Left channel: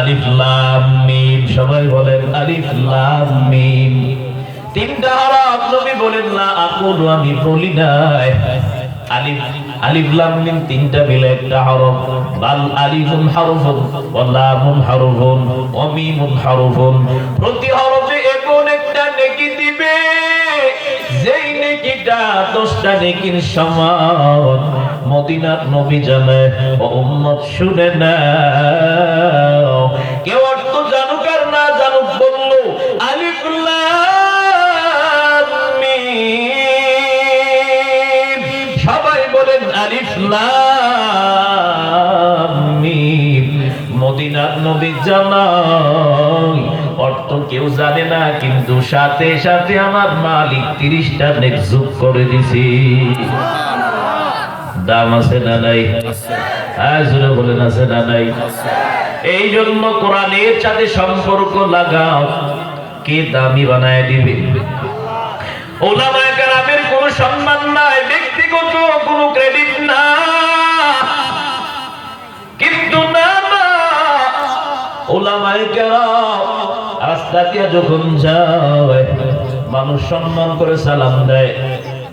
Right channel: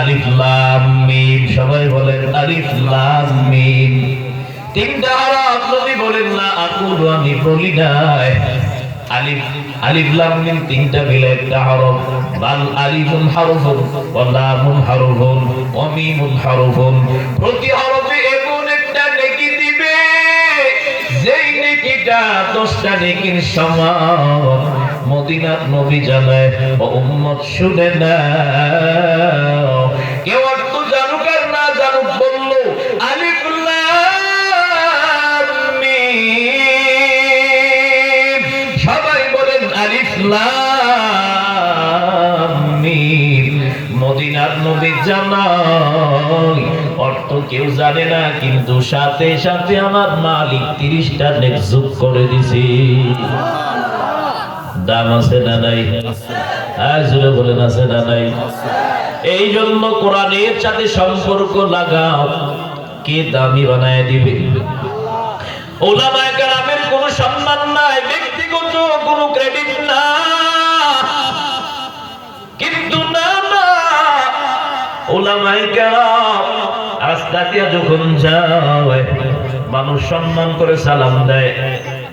আলিফ লাম মিম, সবাই বলেন আলিফ লাম মিম। তিনটা হরফ নবী বলেন না আকুলু, আমি বলি নাই। আলিফ আলিফ লাম মিম তিনটা মিলে একটা হরফ। বাল আলিফুন হারফুন ওয়া লামুন হারফুন ওয়া মিমুন হারফুন। প্রতি হরফে এমন একটা নেকি দিবে যেই নেকিটা 10টা নেকির সমান। মদিনার নবী জানায়, ও উম্মত শুনে নাও, কেউ অর্থ জানুক আর না জানুক, বললো আলিফ লাম মিম। সবাই বলেন আলিফ লাম মিম। মদিনার নবী জানায়, অর্থ কেউ জানে না, কিন্তু সাথে সাথে আমার মালিক 30টা নেক যোগ করে দিছি। দাম আছে না নাই? আসলে বলেন আছে না নাই? এই জন্য কোরআনের সাথে সম্পর্ক লাগাও, কে দামি বানায় দিবে? উলামায়ে কেরামের কোনো সম্মান নাই, ব্যক্তিগত কোনো ক্রেডিট না, কিন্তু না উলামায়ে কেরাম রাস্তা দিয়ে যখন যায় মানুষ সম্মান করে সালাম দেয়,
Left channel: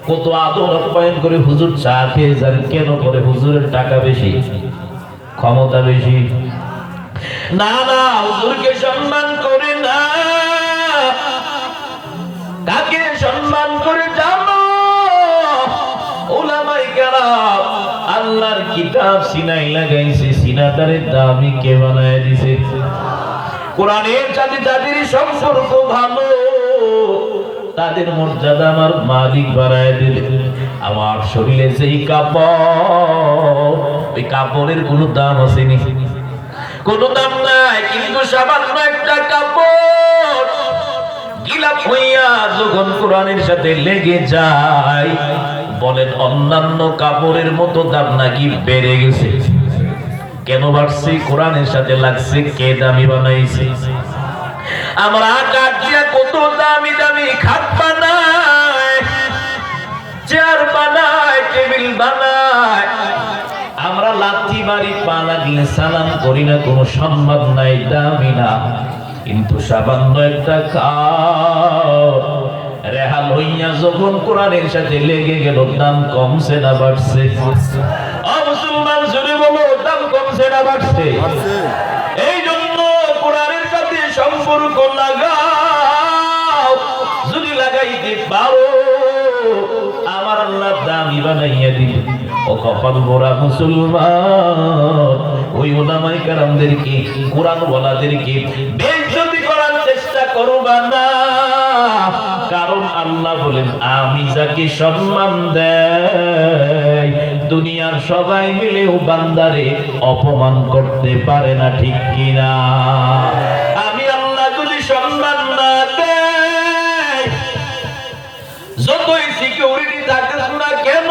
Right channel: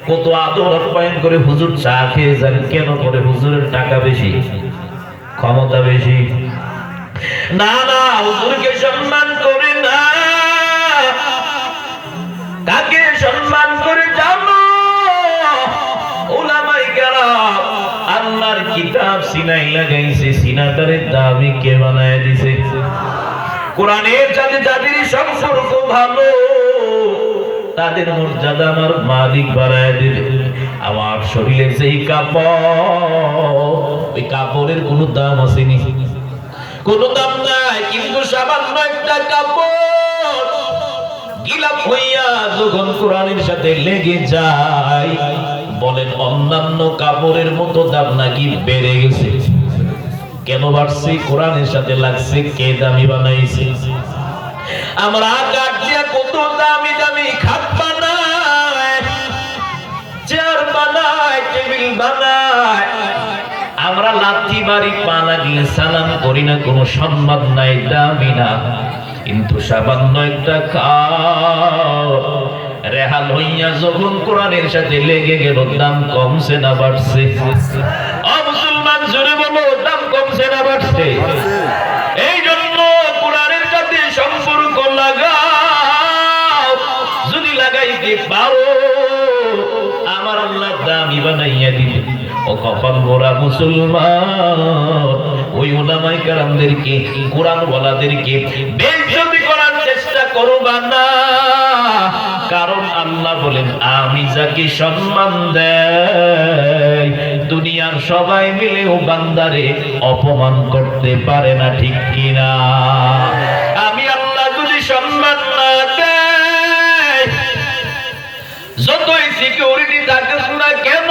কত আদর আপ্যায়ন করে। হুজুর চা খেয়ে যান, কেন করে? হুজুরের টাকা বেশি, ক্ষমতা বেশি। না না, হুজুরকে সম্মান করে না, তাকে সম্মান করে যাব। উলামায়ে কেরাম আল্লাহর কিতাব সিনায় লাগাইছে, সিনাটারে দামি কে বানায় দিছে? কোরআনের সাথে যাদের সম্পর্ক ভালো, তাদের মর্যাদা আমার মালিক বাড়ায় দিবে। আমার শরীরে যেই কাপড়, ওই কাপড়ের কোনো দাম আসেনি, কোনো দাম নাই, কিন্তু সামান্য একটা কাপড় গিলাপ হইয়া যখন কোরআনের সাথে লেগে যায়, বলেন অন্যান্য কাপড়ের মতো দাম নাকি বেড়ে গেছে। কেন বাড়ছে? কোরআনের সাথে লাগছে। কে দামি বানাইছে? আমরা কাঠ দিয়া কত দামি দামি খাট বানাই, চেয়ার বানাই, টেবিল বানাই, আমরা লাথি মারি, পা লাগলে সালাম করি না, কোনো সম্মান নাই, দামি না। কিন্তু সামান্য একটা রেহাল হইয়া যখন কোরআনের সাথে লেগে গেল, দাম কমছে না বাড়ছে? ও মুসলমান জোরে বলো, দাম কমছে না বাড়ছে? এই জন্য কোরআনের সাথে সম্পর্ক লাগাও, যদি লাগাইতে পারো আমার আল্লাহ দামি বানাইয়া দিবে। ও কপাল মোরা মুসলমান, ওই উলামায়ে কেরামদেরকে, কোরআন ওয়ালাদেরকে বেইজ্জতি করার চেষ্টা করবা না। কারণ আল্লাহ বলেন, আমি যাকে সম্মান দেই, দুনিয়ার সবাই মিলেও বান্দারে অপমান করতে পারে না, ঠিক কিনা? আমি আল্লাহ যদি সম্মান না দেই, যতই সিকিউরিটি থাকুক না কেন,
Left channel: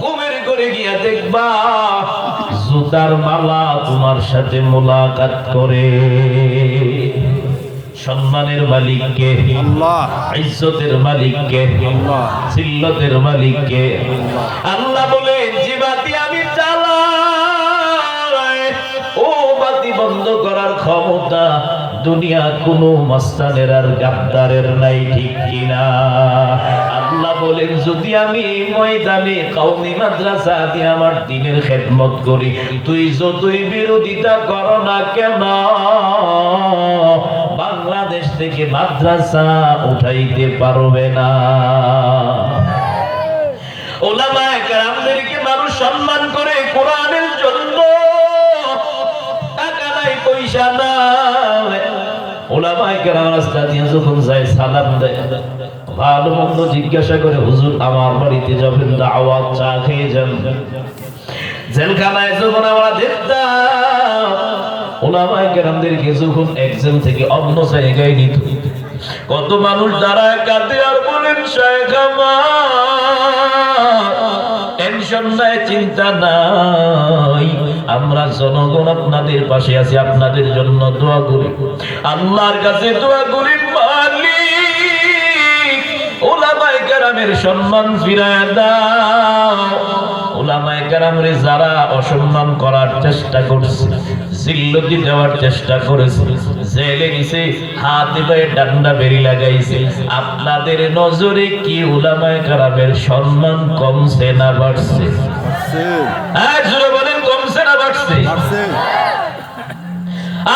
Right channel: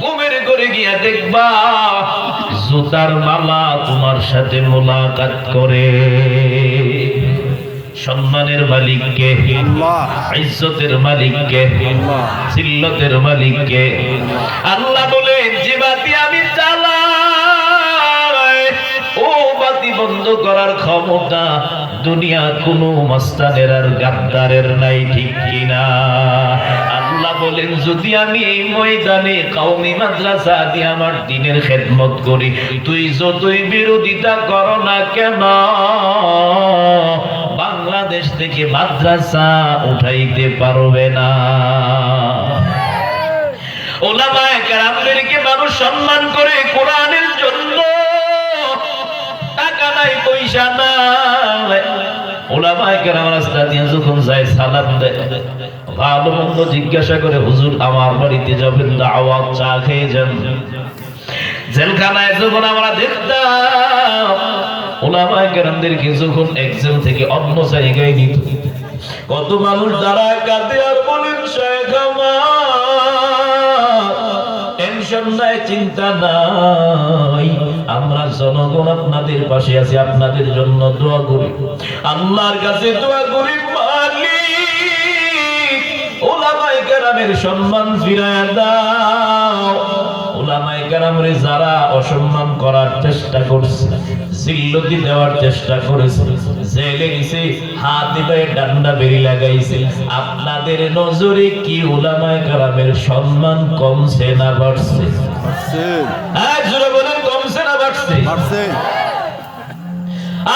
ঘুমের ঘরে গিয়া দেখবা জুতার মালা তোমার সাথে মোলাকাত করে। সম্মানের মালিক কে? আল্লাহ। ইজ্জতের মালিক কে? আল্লাহ। জিল্লতের মালিক কে? আল্লাহ বলেন, যে বাতি আমি জ্বালাই, ও বাতি বন্ধ করার ক্ষমতা দুনিয়ার কোনো মস্তানের আর গাদ্দারের নাই, ঠিক কিনা? আল্লাহ বলেন, যদি আমি এই ময়দানে কওমি মাদ্রাসা দিয়ে আমার দ্বীনের খেদমত করি, তুই যতই বিরোধিতা কর না কেন, বাংলাদেশ থেকে মাদ্রাসা উঠাইতে পারবে না। উলামায়ে কেরামদেরকে মানুষ সম্মান করে কোরআনের জন্য, টাকা নাই, পয়সা নাই। উলামায়ে কেরাম রাস্তা দিয়ে যখন যায় সালাম দেয়, ভালো মন্দ জিজ্ঞাসা করে, হুজুর আমার বাড়িতে যাবেন, দাওয়াত, চা খেয়ে যান। জেলখানায় যখন আমরা দেখতাম উলামায়ে কেরামদেরকে যখন এক জেল থেকে অন্য জায়গায় নিত, কত মানুষ দাঁড়ায় কাঁদে আর বলেন, শেখ আমার টেনশন নাই, চিন্তা নাই, আমরা জনগণ আপনাদের পাশে আছি, আপনাদের জন্য দোয়া করি, আল্লাহর কাছে দোয়া করি, মালিক উলামায়ে কেরামের সম্মান ফিরায় দাও। উলামায়ে কেরামরে যারা অসম্মান করার চেষ্টা করছে, জিল্লতি দেওয়ার চেষ্টা করেছে, জেলে নিছে, হাতে পায়ে ডান্ডা বেরি লাগাইছে, আপনাদের নজরে কি উলামায়ে কেরামের সম্মান কমছে না বাড়ছে? জোরে বলেন, কমছে না বাড়ছে?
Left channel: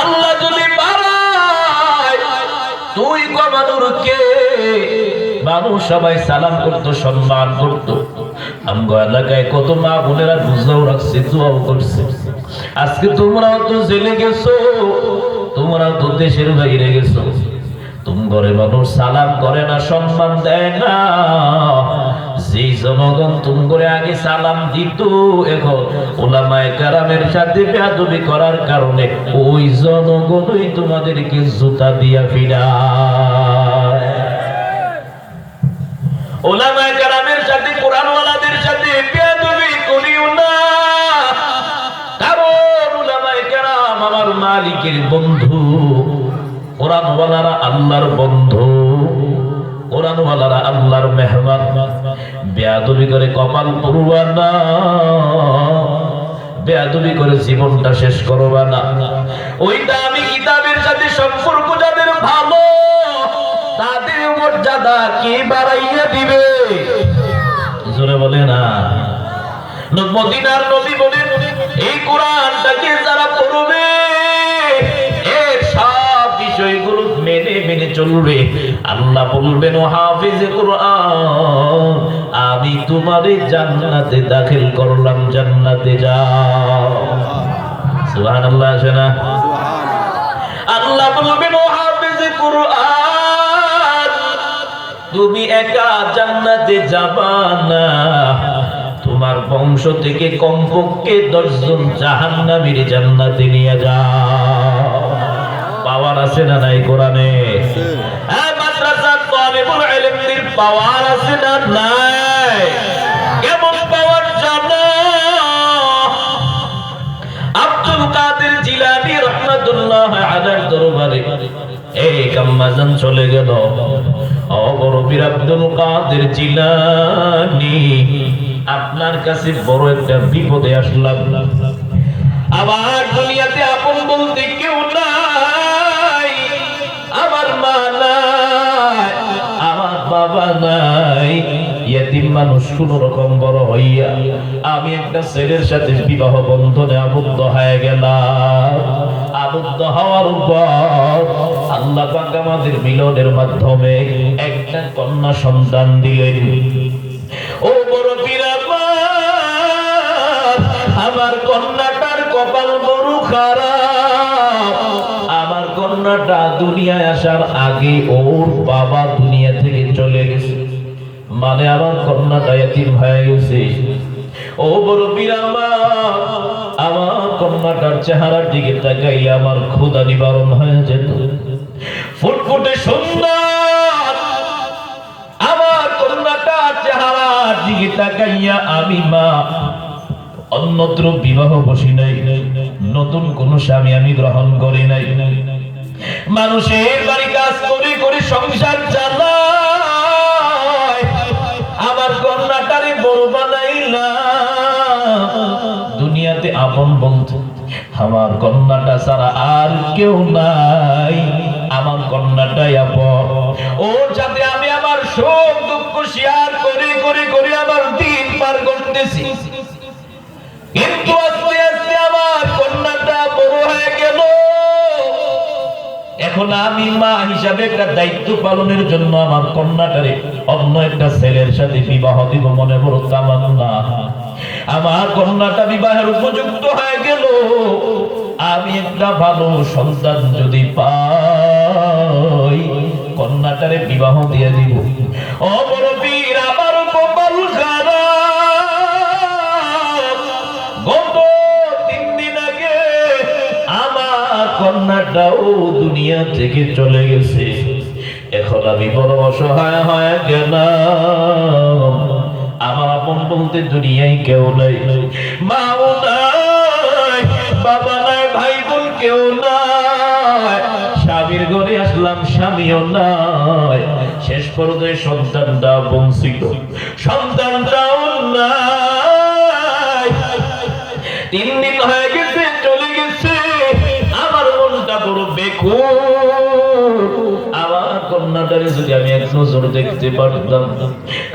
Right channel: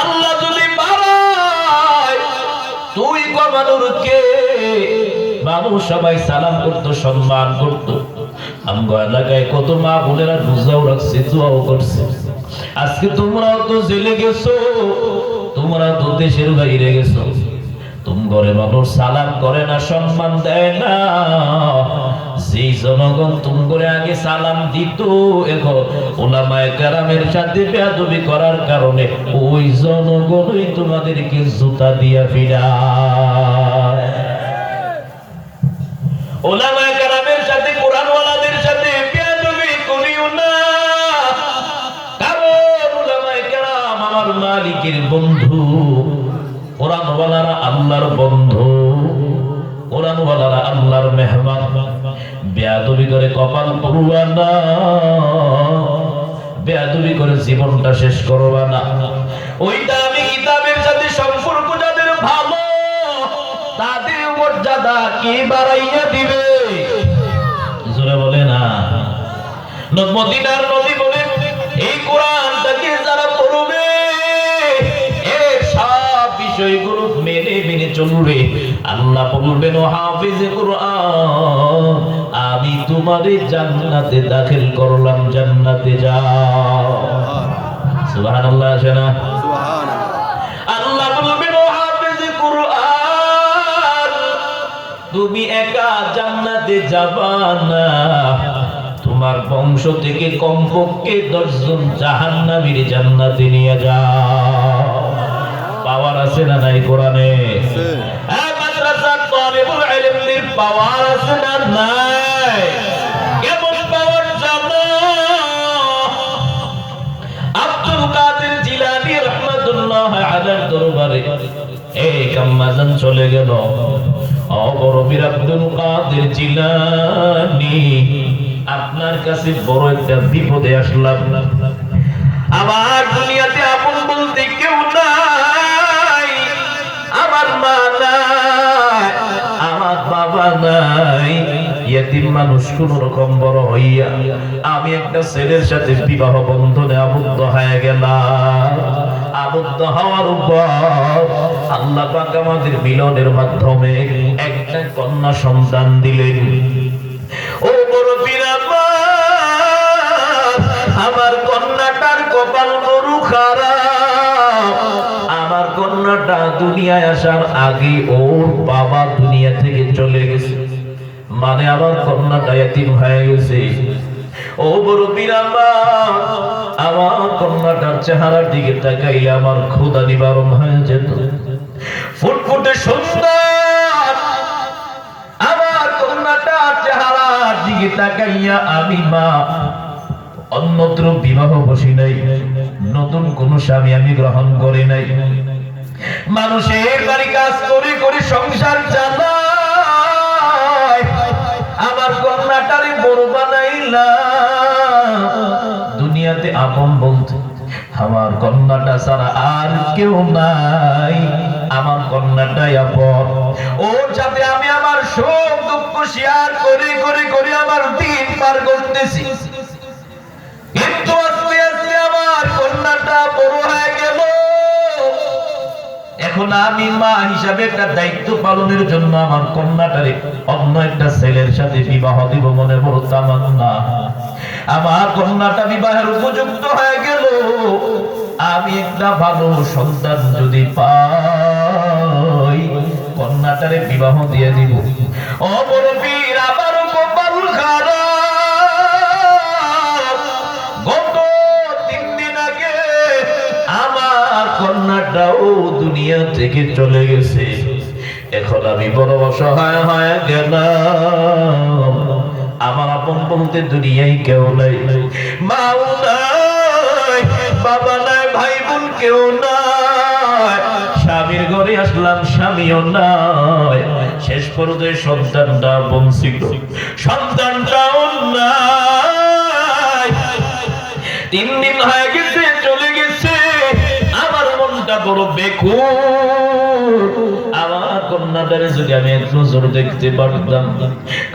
আল্লাহ যদি বাড়ায় তুই কমানোর কে? মানুষ সবাই সালাম করতো, সম্মান করতো। আমগো এলাকায় কত মা বোনেরা রোজাও রাখছে, দোয়াও করছে। আজকে তোমরাও তো জেলে গেছো, তোমরাও তো দেশের বাইরে গেছো, তুম ঘরে মানুষ সালাম করে না, সম্মান দেয় না। যেই জনগণ তুম করে আগে সালাম দিত, এখন উলামায়ে কেরামের সাথে বেয়াদবি করার কারণে ওই জনগণই তোমাদেরকে জুতা দিয়া ফিরায়। উলামায়ে কেরামের সাথে, কোরআনওয়ালাদের সাথে বেয়াদবি করিও না, কারণ উলামায়ে কেরাম আমার মালিকের বন্ধু, কোরআনওয়ালারা আল্লাহর বন্ধু, কোরআনওয়ালারা আল্লাহর মেহমান। বেয়াদবি করে কপাল পুরবা না, বেয়াদবি করে জীবনটা শেষ করবা না। ওই দামি কিতাবের সাথে সম্পর্ক যাদের ভালো, তাদের মর্যাদা কে বাড়াইয়া দিবে? জোরে বলে না। মদিনার নবী বলেন, এই কোরআনটাকে যারা পড়বে, এর সব বিষয়গুলো মেনে মেনে চলবে, আল্লাহ বলবেন, ও হাফিজে কোরআন, আমি তোমাদের জান্নাতে দাখিল করলাম, জান্নাতে যাও। সুবহানাল্লাহ আছে না? আল্লাহ বলবেন, ও হাফিজে কোরআন, তুমি একা জান্নাতে যাবা না, তোমার বংশ থেকে কমপক্ষে 10 জন জাহান্নামীর জান্নাতে নিয়ে যাও। পাওয়ার আছে না নাই কোরআনে? মাদ্রাসার তালিবুল ইলমদের পাওয়ার আছে না নাই? কেমন পাওয়ার জানো? আব্দুল কাদের জিলানী রাহমাতুল্লাহ আলাইহির দরবারে এক আম্মাজান চলে গেল। বড় পীর আব্দুল কাদের জিলানী, আপনার কাছে বড় একটা বিপদে আসলাম, আমার দুনিয়াতে আপন বলতে কেউ নাই, আমার মা নাই, আমার বাবা নাই, ইয়েতিম মানুষ। কোন রকম বড় হইয়া আমি একটা ছেলের সাথে বিবাহ বন্ধনে আবদ্ধ হয়ে গেলাম। আবদ্ধ হওয়ার পর আল্লাহ পাক আমাদের মিলনের মাধ্যমে একটা কন্যা সন্তান দিলেন। ও বড় পীর, আমার কন্যাটার কপাল বড় খারাপ। আমার কন্যাটা দুনিয়ায় আসার আগে ওর বাবা দুনিয়া থেকে চলে গেছে, মানে আমার কন্যাটা এতিম হয়ে গেছে। ও বড় পীর, আমার কন্যাটার চেহারার দিকে তাকাইলে আমার ক্ষুধা নিবারণ হয়ে যেত। ফুটফুটে সুন্দর আমার কন্যাটার চেহারার দিকে তাকাইয়া আমি মা অন্যত্র বিবাহ বসি নাই, নতুন কোন স্বামী আমি গ্রহণ করি নাই। মানুষের বাড়ি কাজ করে করে সংসার চালাই, আমার কন্যাটারে বড় বানাইলাম। দুনিয়াতে আপন বলতে আমার কন্যাটা ছাড়া আর কেউ নাই, আমার কন্যাটাই আপন। ওর সাথে আমি আমার সুখ দুঃখ শেয়ার করে করে করে আমার দিন পার করতেছি। কিন্তু আস্তে আস্তে আমার কন্যাটা বড় হয়ে গেল। এখন আমি মা হিসাবে একটা দায়িত্ব পালনের জন্য আমার কন্যাটারে অন্য একটা ছেলের সাথে বিবাহ দিব মনে বড় তামান্না। আমার কন্যাটা বিবাহের উপযুক্ত হয়ে গেল, আমি একটা ভালো সন্তান যদি পাই কন্যাটারে বিবাহ দিয়ে দিব। ও বড় পীর, আমার কপাল খারাপ। গত 3 দিন আগে আমার কন্যাটাও দুনিয়া থেকে চলে গেছে। এখন আমি বড় অসহায় হয়ে গেলাম। আমার আপন বলতে দুনিয়ায় কেউ নাই, মাও নাই, বাবা নাই, ভাই বোন কেউ নাই। স্বামীর ঘরে আসলাম, স্বামীও নাই। শেষ পর্যায়ে সন্তানটা বঞ্চিত, সন্তানটাও নাই। 3 দিন হয়ে গেছে, চলে গেছে, আমার মনটা বড় বেকুল। আমার কন্যাটারে যদি আমি এক নজর দেখতে পারতাম,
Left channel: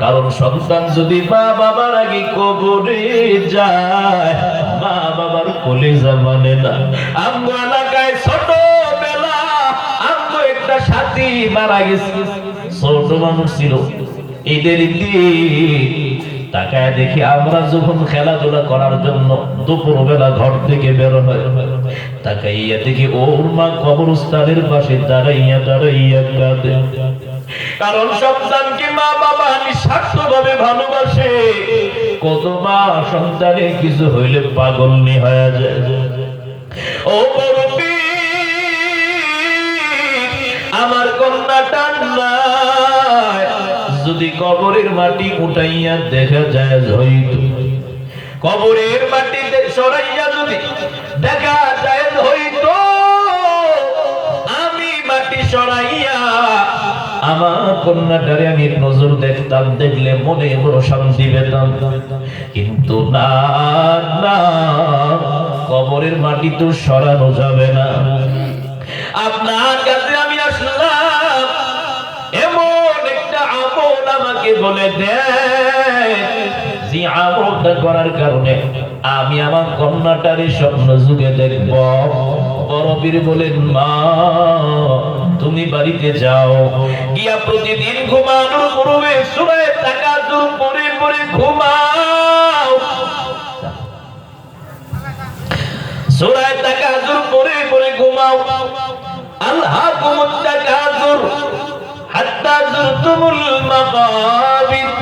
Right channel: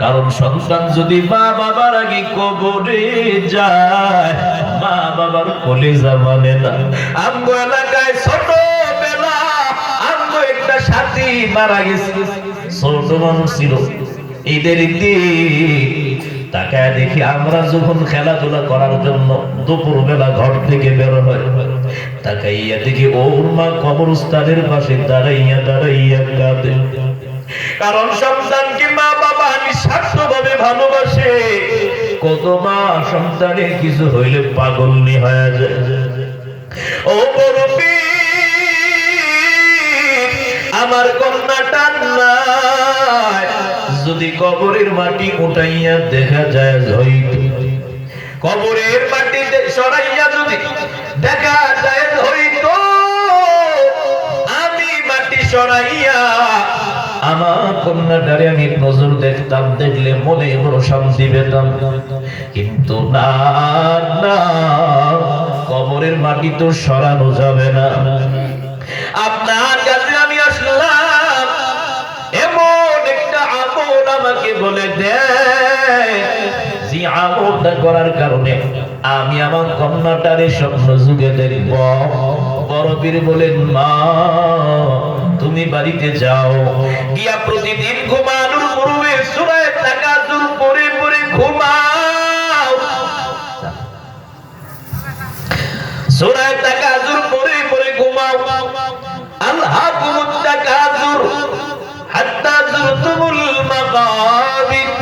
কারণ সন্তান যদি মা বাবার আগে কবরে যায়, মা বাবার কলেজা মানে না। আমগো এলাকায় ছোটবেলা আমগো একটা সাথী মারা গেছে, ছোট মানুষ ছিল। ঈদের দিন তাকায় দেখি আমরা যখন খেলাধুলা করার জন্য দুপুরবেলা ঘর থেকে বের হয়, তাকাইয়া দেখি ওর মা কবরস্থানের পাশে দাঁড়াইয়া দাঁড়াইয়া কাঁদে। কারণ সন্তানকে মা বাবা নিঃস্বার্থভাবে ভালোবাসে। কত মা সন্তানের কিছু হইলে পাগলনি হয়ে যায়। ও মুরব্বি, আমার কন্যাটা নাই, যদি কবরের মাটি উঠাইয়া দেখা যায় হইত, কবরের মাটি সরাইয়া যদি দেখা যায় হইত, আমি মাটি সরাইয়া আমার কন্যাটারে আমি নজর দেখতাম, দেখলে মনে বড় শান্তি পেতাম। কিন্তু না না, কবরের মাটি তো সরানো যাবে না। আপনার কাছে আমি আসলাম, এমন একটা আমল আমাকে বলে দেয়, যে আমলটা করার কারণে আমি আমার কন্যাটারে স্বপ্ন যুগে দেখব। বড় পীর বলেন, মা তুমি বাড়িতে যাও, গিয়া প্রতিদিন ঘুমানোর পূর্বে সূরা তাকাসুর পড়ে পড়ে ঘুমাও। সূরা তাকাসুর পড়ে পড়ে ঘুমাও। আলহাকুমুত তাকাসুর হাত্তা যুরতুমুল মাকাবির,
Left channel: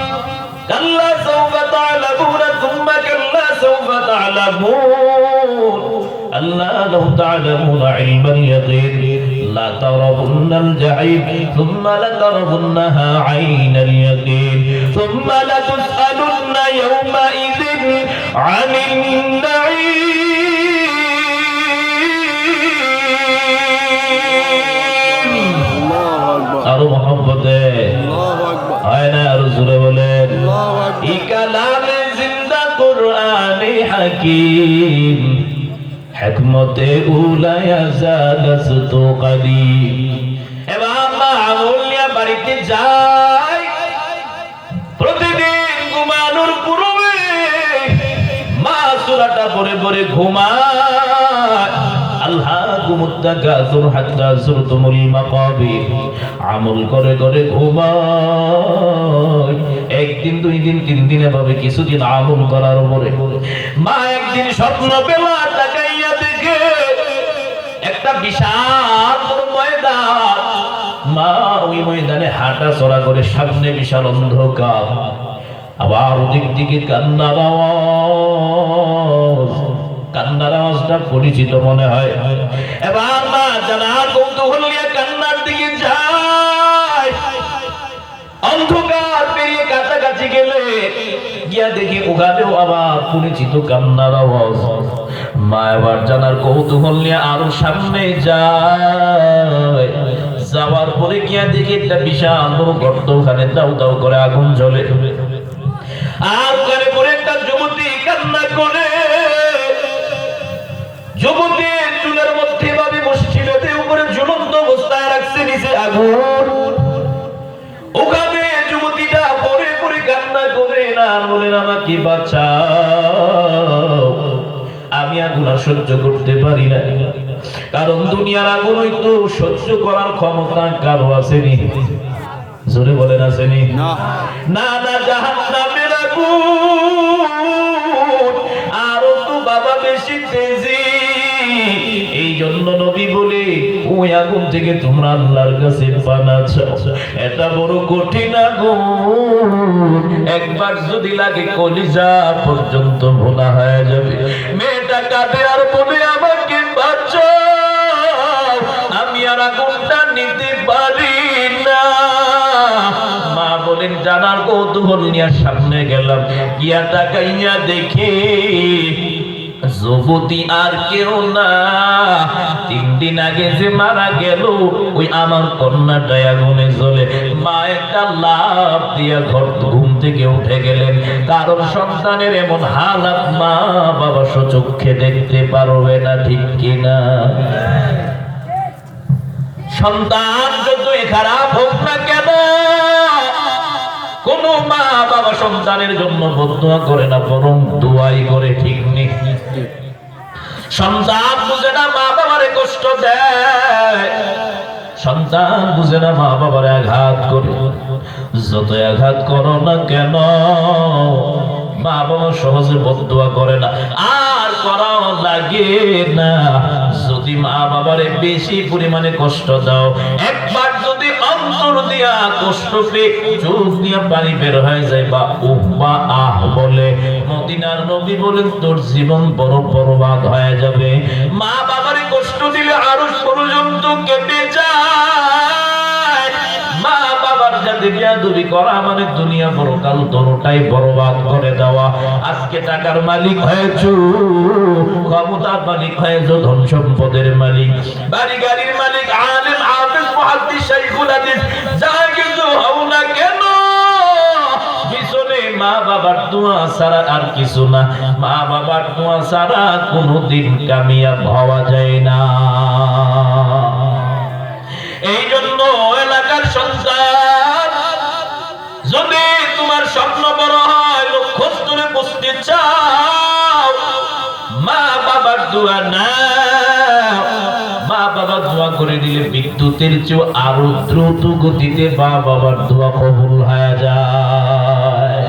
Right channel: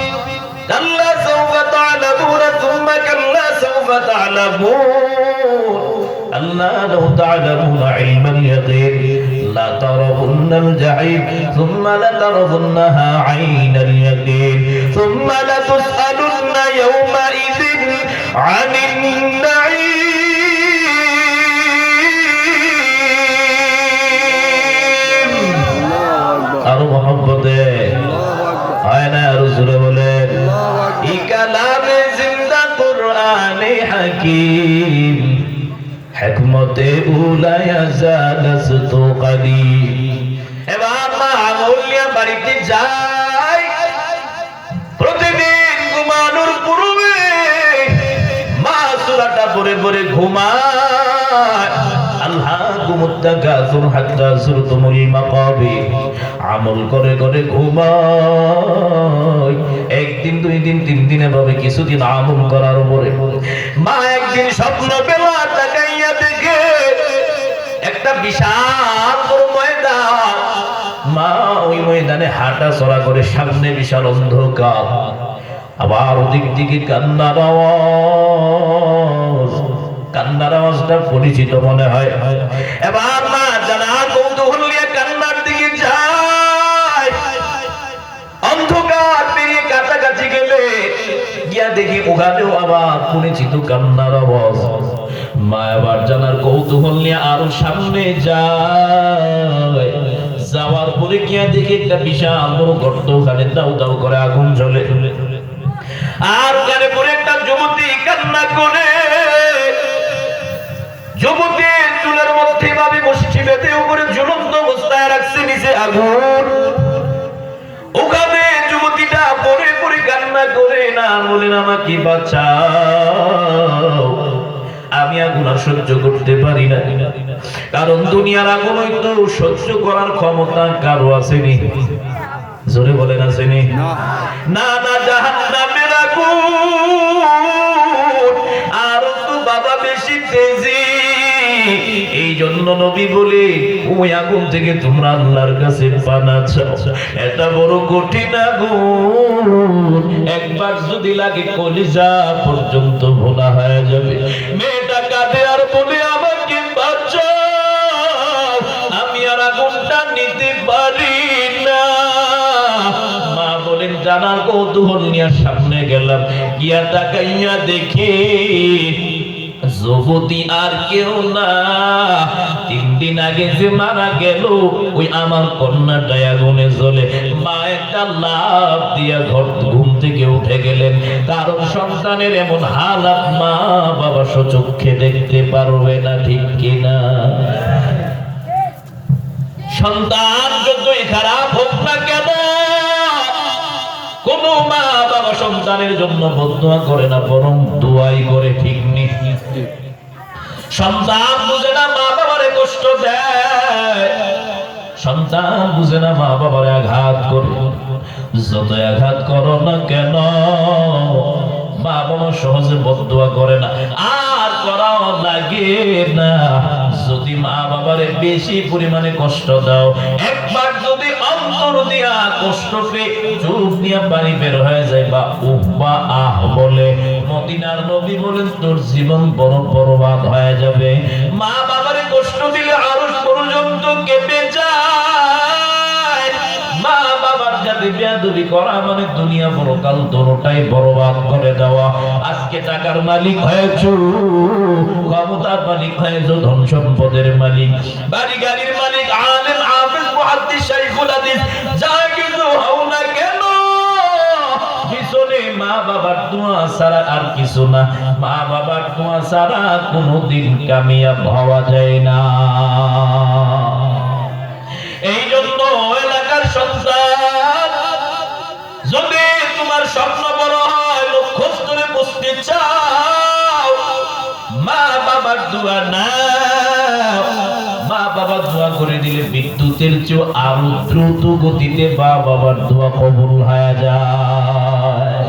কাল্লা সাওফা তা'লামুনা সুম্মা কাল্লা সাওফা তা'লামুন, আল্লা লাউ তা'লামুনা ইলমাল ইয়াকিন লা তারাবুন্নাল জাহিম সুম্মা লাতারাবুন্নাহা আইনাল ইয়াকিন সুম্মা লাতুসআলুন্না ইয়াওমা ইযিন আনিন নাঈম। আরো মহব্বতে হয় না, আরো জোরে বলেন। ই কালামে জিন্দা কুরআনে হাকীম, হিকমতে উলায়া জালাসত কাদিম। এবার মা আমলিয়া বাড়িতে যায়, প্রতিদিন ঘুমানোর পূর্বে মা সূরাটা পড়ে পড়ে ঘুমায়। আলহাকুমুত তাকাসুর হাত্তা যুরতুমুল মাকাবির, আমল করে করে ঘুমায়। একদিন, 2 দিন, 3 দিন, এভাবে কিছুদিন আমল করার পরে মা একদিন স্বপ্ন পেলা, তাকাইয়া দেখে একটা বিশাল ময়দান। মা ওই ময়দানে হাঁটা চলা করে, সামনে বিশাল অন্ধকার, আবার ওদিক দিকে কান্নার আওয়াজ। কান্নার আওয়াজটা পরিচিত মনে হয়। এবার মা জানা কৌতূহল নিয়ে কান্নার দিকে যায়। অন্ধকার পেরিয়ে কাছাকাছি গেলে গিয়া দেখি ওখানেও আবার পরিচিত কান্নার আওয়াজ। মা এবার জানার কৌতূহল নিয়ে আরো সামনে যায়। যাওয়ার পরে গিয়া দেখি একটা বিশাল বড় গর্ত, ওখানে দাউ দাউ করে আগুন জ্বলে। আর ওখানে পরে একটা যুবতী কান্না করে। যুবতীর চুলের মধ্যে ভাবে বসছিল, উপরে ঝুলন্ত অবস্থায় রাখছে নিচে আগুন। ওখানে যুবতীটা পরে পরে কান্না করে, না বলেন আমাকে বাঁচাও, আমি আগুন আর সহ্য করতে পারি না। কারণ দুনিয়ার আগুন হয়তো সহ্য করার ক্ষমতা কারো আসেনি। জোরে বলেন আসেনি? না না, জাহান্নামের আগুন আরো তো বাবা বেশি তেজি। এই জন্য নবী বলে, ওই আগুন থেকে তোমরা আল্লাহর কাছে পানা চাও। এটা বড় কঠিন আগুন, একবার যদি লাগে কলিজা পর্যন্ত ভোনা হয়ে যাবে। মেয়েটা কাঁদে আর বলে, আমাকে বাঁচাও, আমি আর আগুনটা নিতে পারি না। মা বলেন, জানার কৌতূহল নিয়ে সামনে গেলাম, গিয়া তাকাইয়া দেখি জগতি আর কেউ না, 3 দিন আগে যে মারা গেল ওই আমার কন্যাটা আগুনে জ্বলে। মা একটা লাফ দিয়া ঘুম থেকে উঠে গেলেন। কারণ সন্তানের এমন হালাত মা বাবা চোখে দেখতে পারবে না, ঠিক কিনা? সন্তান যতই খারাপ হোক না কেন, কোন মা বাবা সন্তানের জন্য বদদুয়া করে না, বরং দোয়াই করে, ঠিক নেই? সন্তান বুঝে না মা বাবারে কষ্ট দেয়, সন্তান বুঝে না মা বাবারে আঘাত করে। যত আঘাত করো না কেন মা বাবা সহজে বদদুয়া করে না, আর করাও লাগে না। যদি মা বাবারে বেশি পরিমাণে কষ্ট দাও, একবার যদি অন্তর দিয়া কষ্ট পেয়ে চোখ দিয়া পানি বের হয়ে যায় বা উহ বা আহ বলে, মদিনার নবী বলেন তোর জীবন বড় বরবাদ হয়ে যাবে। মা বাবারে কষ্ট দিলে আরশ পর্যন্ত কেঁপে যায়। মা বাবার সাথে বেয়াদবি করা মানে দুনিয়া পরকাল দুটোটাই বরবাদ করে দেওয়া। আজকে টাকার মালিক হয়েছো, ক্ষমতার মালিক হয়েছো, ধন সম্পদের মালিক, বাড়ি গাড়ির মালিক, আলেম হাফেজ মুহাদ্দিস শাইখুল হাদিস যা কিছু হও না কেন, পিছনে মা বাবার দোয়া ছাড়া আর কিছু না। মা বাবার দোয়া ছাড়া কোনোদিন কামিয়াব হওয়া যায় না। এই জন্য এলাকার সন্তান, যদি তোমার স্বপ্ন বড় হয়, লক্ষ্যস্থলে পৌঁছতে চাও, মা বাবার দোয়া না, মা বাবা দোয়া করে দিলে বিদ্যুতের চেয়ে আরো দ্রুত গতিতে মা বাবার দোয়া কবুল হয়ে যায়।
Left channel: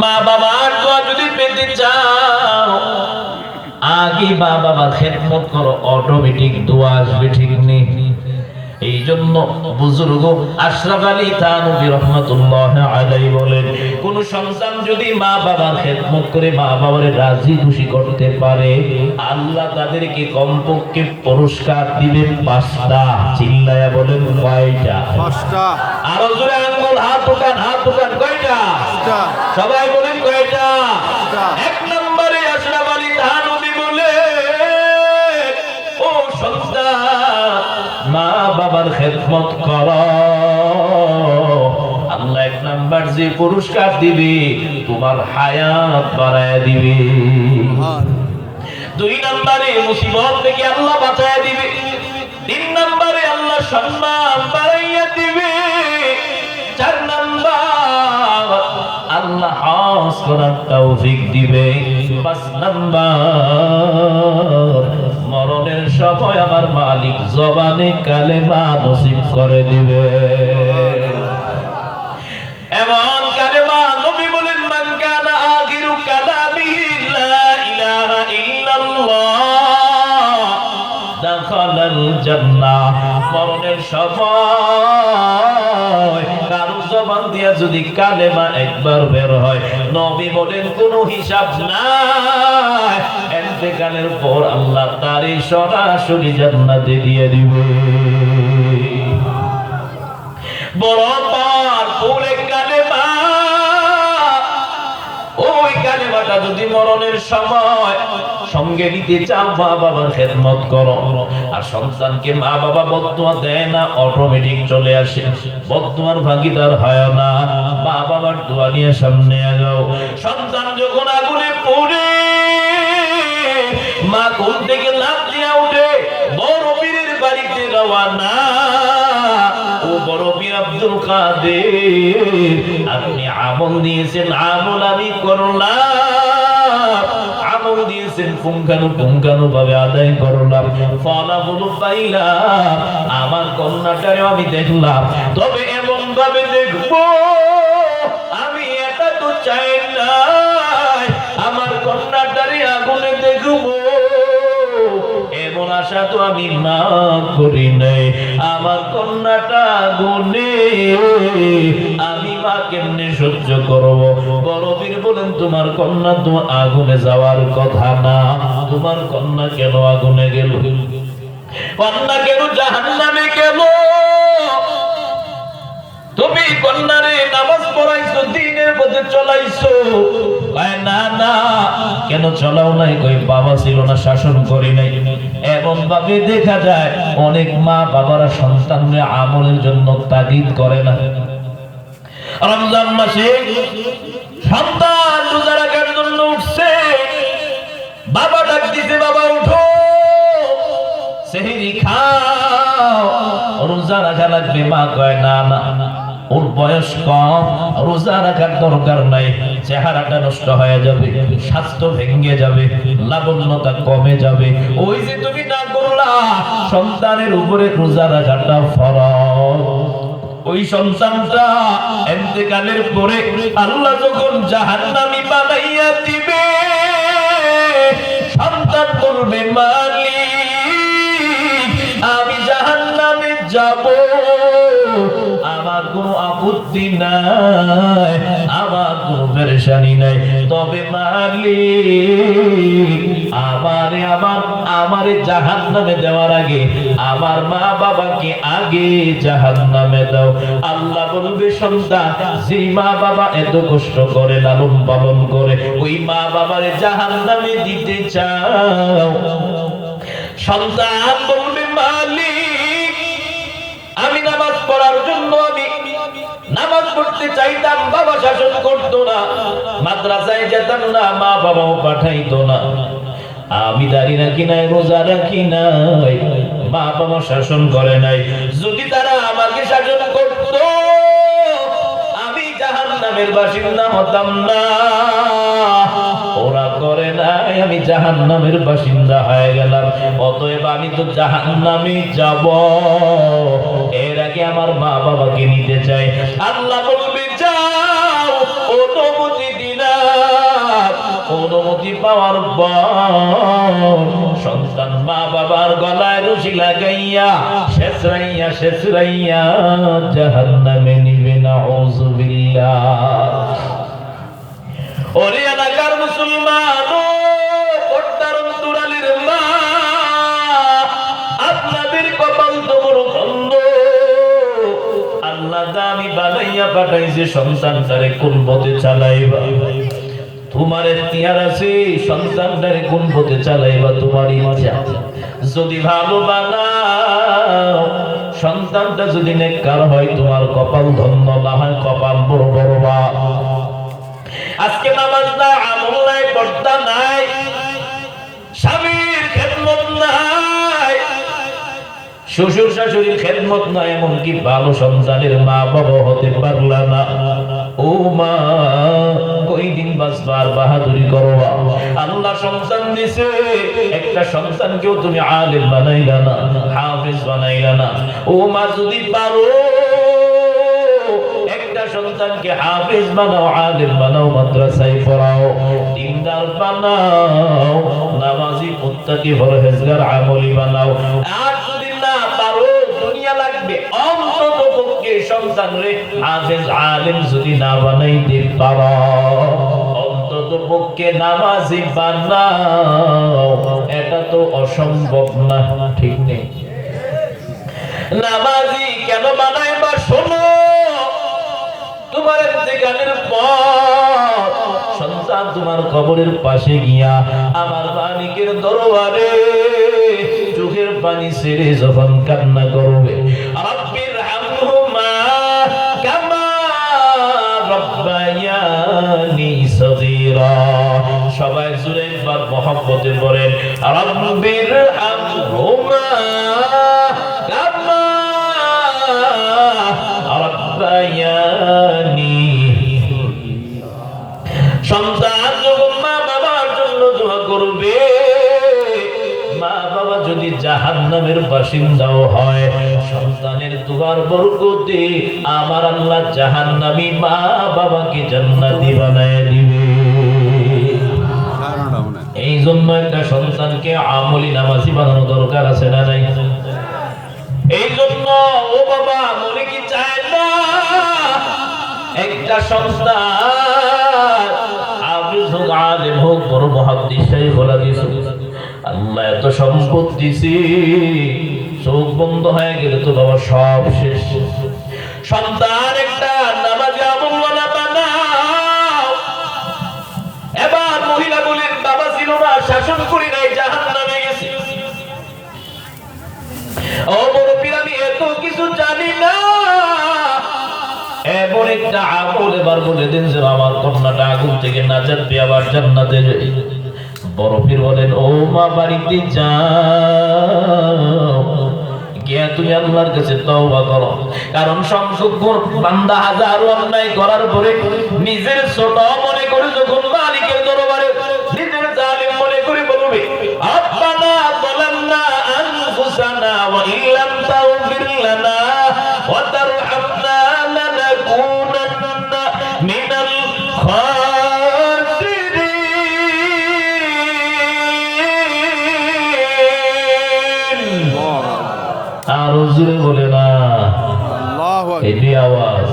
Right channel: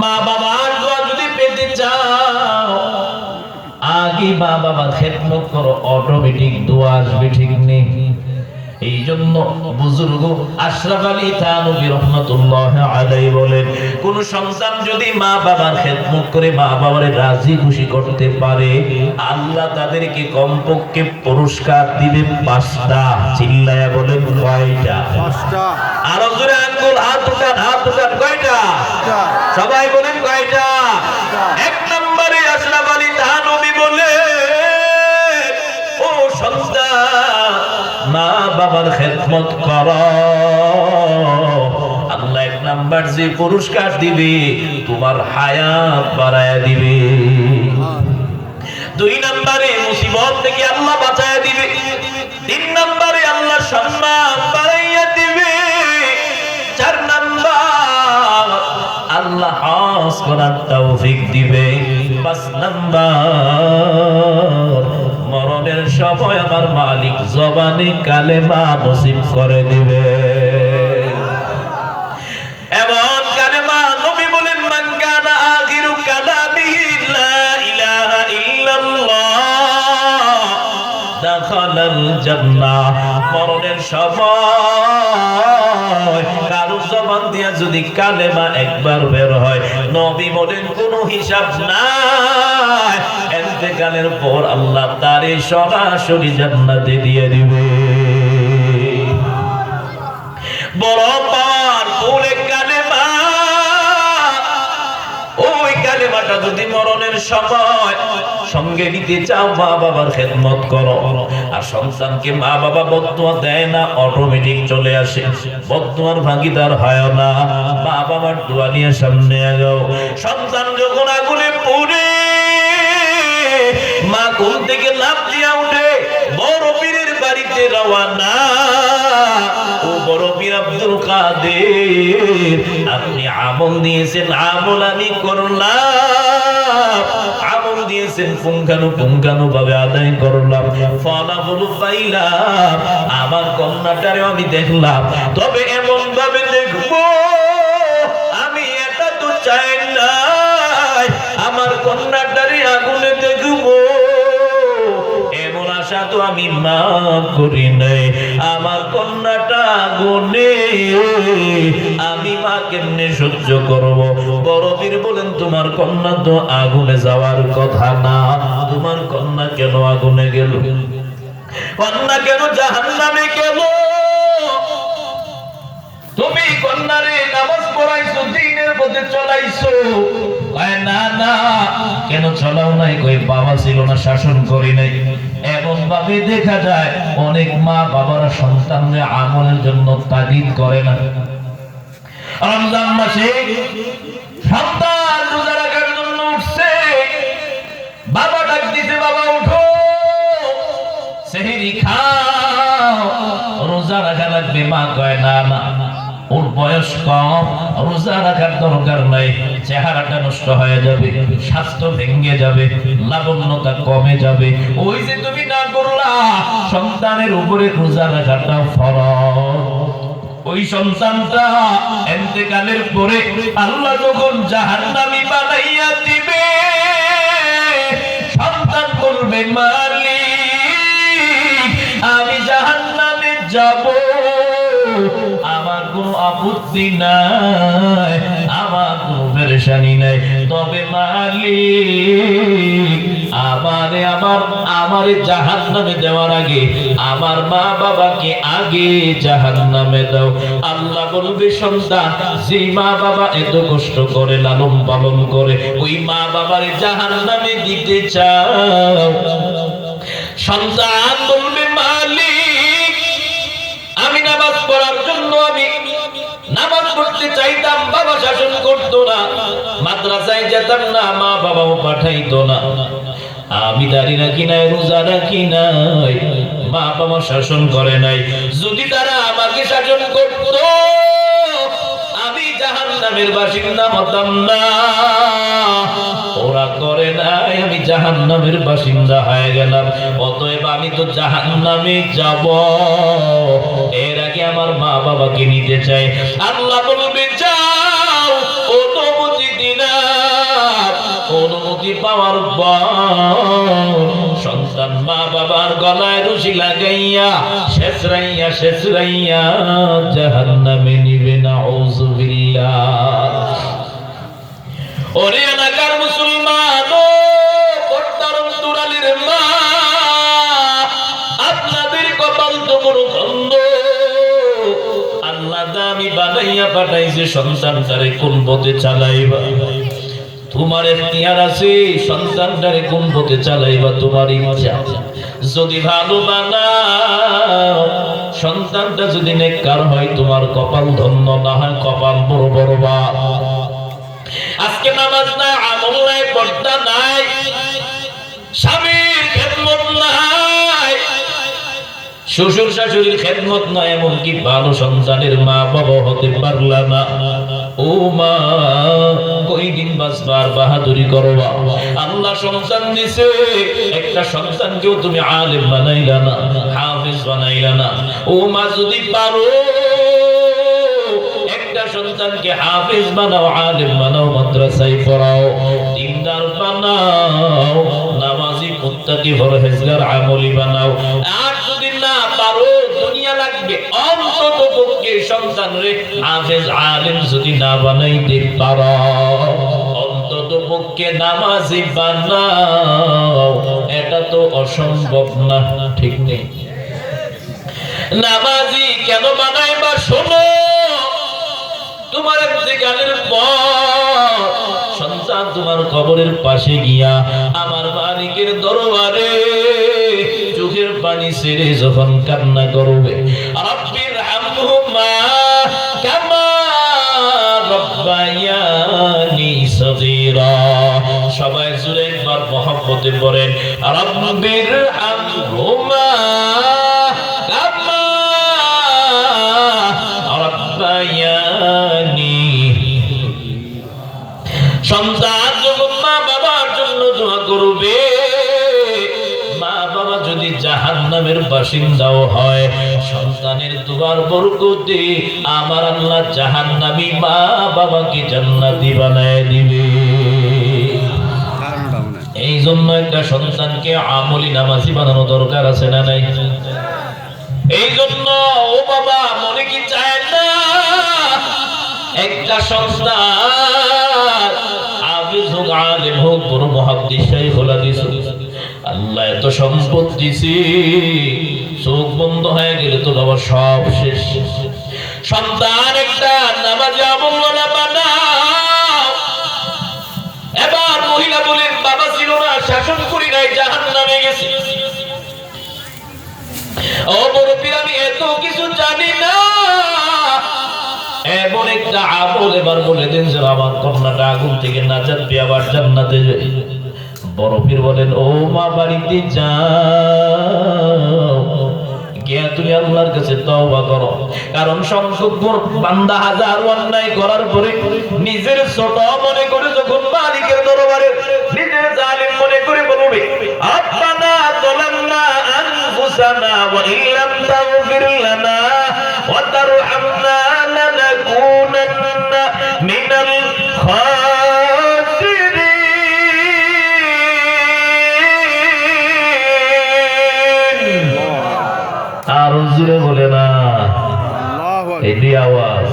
মা বাবার দোয়া যদি পেতে চাও, আগে মা বাবার খেদমত করো, অটোমেটিক দোয়া আসবে, ঠিক নেই? এই জন্য বুজুর্গ আশরাফ আলী থানভী রাহমাতুল্লাহ আলাইহি বলেন, কোন সন্তান যদি মা বাবার খেদমত করে মা বাবারে রাজি খুশি করতে পারে, আল্লাহ তাদেরকে কমপক্ষে পুরস্কার দিবেন 5টা। চিল্লায়া বলেন কয়টা? 5টা। আরো জোরে আঙ্গুল হাত উঠান, হাত উঠান, কয়টা? সবাই বলেন কয়টা? এক নম্বরে আশরাফ আলী থানভী বলে, ও সন্তান মা বাবার খেদমত করো, আল্লাহ 1 নাম্বার যে পুরস্কার দিবে তোমার হায়াত বাড়ায়া দিবে। 2 নম্বরে মুসিবত থেকে আল্লাহ বাঁচায়া দিবে। 3 নম্বরে আল্লাহ সম্মান বাড়াইয়া দিবে। 4 নাম্বার আল্লাহ হজ করার তৌফিক দিবে। 5 নাম্বার মরণের সময় আমার মালিক জবানে কালেমা নসিব করে দিবে। এমন কালেমা নবী বলেন, মান কানা আখিরু কালামিহি লা ইলাহা ইল্লাল্লাহ দাখালাল জান্নাহ। মরণের সময় কারো জবান দিয়া যদি কালেমা একবার বের হয়, নবী বলেন কোনো হিসাব নাই, ইন্তেকালের পর আল্লাহ তারে সরাসরি জান্নাতে দিয়ে দিবে। বড় পার পড়ে কালেমা, ওই কালেমাটা যদি মরণের সময় সঙ্গে নিতে চাও, মা বাবার খেদমত করো। আর সন্তানকে মা বাবা বদদুয়া দেয় না, অটোমেটিক চলে আসে, বদদুয়ার ভাগীদার হয় না। মা বাবার দোয়া নিয়ে সামনে আগাও। সন্তান যখন আগুনে পড়ে, মা ঘুম থেকে লাফ দিয়া উঠে বড় পীরের বাড়িতে রওয়ানা। ও বড় পীর আব্দুল কাদের, আপনি আমল দিয়েছেন, আমল আমি করলাম, আমল দিয়েছেন পুঙ্খানু ভাবে আদায় করলাম, ফলাফল পাইলাম, আমার কন্যাটারে আমি দেখলাম, তবে এমন ভাবে দেখবো আমি এটা তো চাই না, আমার কন্যাটারে আগুনে দেখবো, এমন আশা তো আমি মা করি নাই। আমার কন্যাটা আগুনে, আমি মা কেমনে সহ্য করবো? বড় পীর বলেন, তোমার কন্যা তো আগুনে যাওয়ার কথা না, তোমার কন্যা কেন আগুনে গেল? কন্যা কেন জাহান্নামে গেল? তুমি কন্যারে নামাজ পড়াইছো, দ্বীনের পথে চলাইছো। কয় না না, কেন চলাও নাই? কই বাবা ছিল না, শাসন করি নাই। এমন ভাবে দেখা যায় অনেক মা বাবারা সন্তানদের আমলের জন্য তাগিদ করে না। রমজান মাসে সন্তান রোজা রাখার জন্য উঠছে, বাবা ডাক দিছে, বাবা উঠো, সেহরি খাও, রোজা রাখা লাগবে। মা কয় না না, ওর বয়স কম, রোজা রাখার দরকার নাই, চেহারাটা নষ্ট হয়ে যাবে, স্বাস্থ্য ভেঙে যাবে, লাবণ্যতা কমে যাবে। ওই যে তুমি না করলা, সন্তানের উপরে রোজা রাখাটা ফরজ। ওই সন্তানটা ইন্তেকালের পরে আল্লাহ যখন জাহান্নামী বানাইয়া দিবে, সন্তান বলবে মালিক আমি জাহান্নামে যাব, আমার কোনো আপত্তি নাই, আমার কোনো পেরেশানি নাই, তবে মালিক আমারে জাহান্নামে দেওয়ার আগে আমার মা বাবাকে আগে জাহান্নামে দাও। আল্লাহ বলবে সন্তান, যে মা বাবা এত কষ্ট করে লালন পালন করে, ওই মা বাবারে জাহান্নামে দিতে চাও? সন্তান বলবে মালিক আমি নামাজ পড়ার জন্য আমি নামাজ পড়তে চাইতাম, বাবা শাসন করতো না, মাদ্রাসায় যেতাম না, মা বাবাও পাঠাইতো না, আমি দাঁড়িয়ে রাখি নাই, রোজা রাখি নাই, মা বাবা শাসন করে নাই। যদি তারা আমাকে শাসন করত, আমি জাহান্নামের বাসিন্দা হতাম না। ওরা করে নাই, আমি জাহান্নামের বাসিন্দা হয়ে গেলাম। অতএব আমি তো জাহান্নামে যাব, এর আগে আমার মা বাবাকে নিতে চাই। আল্লাহ বলবে যাও, অনুমতি দিলাম। অনুমতি পাওয়ার পর সন্তান মা বাবার গলায় রশি লাগাইয়া শেষরাইয়া জাহান্নামে নিবে। নাউযুবিল্লাহ। ওরে এলাকার মুসলমান, পর্দার অন্তরালের মা, আপনাদের কপাল তো বড় বন্ধ। আল্লাহ দামি বানাইয়া পাঠাইছে, সন্তানটারে কোন পথে চালাইবা তোমার এখতিয়ার আছে, সন্তানটারে কোন পথে চালাইবা তোমার ইচ্ছা। যদি ভালো বানাও, সন্তানটা যদি নেককার হয়, তোমার কপাল ধন্য, না হয় কপাল বড় বরবাদ। আজকে নামাজ নাই, আমল নাই, পর্দা নাই, স্বামীর খেদমত নাই, শ্বশুর শাশুড়ির খেদমত নাই, এমনকি ভালো সন্তানের মা বাবা হতে পারলা না। ও মা, কয়দিন বাঁচবার বাহাদুরি করবা? আল্লাহ সন্তান দিছে, একটা সন্তানকেও তুমি আলেম বানাইলা না, হাফেজ বানাইলা না। ও মা, যদি পারো একটা সন্তানকে হাফেজ বানাও, আলেম বানাও, মাদ্রাসায় পড়াও, দিনদার বানাও, নামাজি মুত্তাকি পরহেজগার আমলি বানাও। আর যদি না পারো, দুনিয়া লাগবে, অন্তত পক্ষে সন্তানরে হাফেজ আলেম যদি না বানাইতে পারো, অন্তত পক্ষে নামাজি বানাও। এটা তো অসম্ভব না, ঠিক নেই? নামাজি কেন বানাইবা? শোনো, তোমার ইন্তেকালের পর সন্তান তোমার কবরের পাশে গিয়া আমার মালিকের দরবারে চোখের পানি ছেড়ে যখন কান্না করবে, রাব্বির হামহুমা কামা রাব্বায়ানি সগীরা, সবাই জুড়ে একবার মহব্বতে পড়েন, রাব্বির হামহুমা কামা রাব্বায়ানি। সন্তান যখন মা বাবার জন্য দোয়া করবে, মা বাবা যদি জাহান্নামের বাসিন্দাও হয়, সন্তানের দোয়ার বরকতে আমার আল্লাহ জাহান্নামী মা বাবাকে জান্নাতি বানায় দিবে। এই জন্য একটা সন্তানকে আমলি নামাজি বানানো দরকার আছে না নাই? এই জন্য ও বাবা, মনে কি চায় না একটা সন্তান হাফেজ হোক, আলেম হোক, বড় মুহাদ্দিস শাইখুল হাদিস? আল্লাহ এত সম্পদ দিছে, চোখ বন্ধ হয়ে গেলে তো বাবা সব শেষ। সন্তান একটা নামাজে আমলওয়ালা বানাও। এবার মহিলা বলেন, বাবা ছিল না, শাসন করি নাই, জাহান্নামে গেছে। ও মুরব্বি, আমি এত কিছু জানি না, এমন একটা আমল এবার বলে দিন যে আমার কন্যাটা আগুন থেকে নাজাত পেয়ে আবার জান্নাতে যাবে। বড় পীর বলেন, ও মা, বাড়িতে যাও, গিয়ে তুমি আল্লাহর কাছে তওবা করো। কারণ সংখ্যক বান্দা হাজারো অন্যায় করার পরে নিজের ছোট মনে করে যখন মালিকের দরবারে নিজের জালিম মনে করে বলবে, আব্বানা যালামনা আনফুসানা ওয়া ইল্লাম তাগফির লানা ওয়া তারহামনা লানাকুনান্না মিনাল জোরে বলে না, এটি আওয়াজ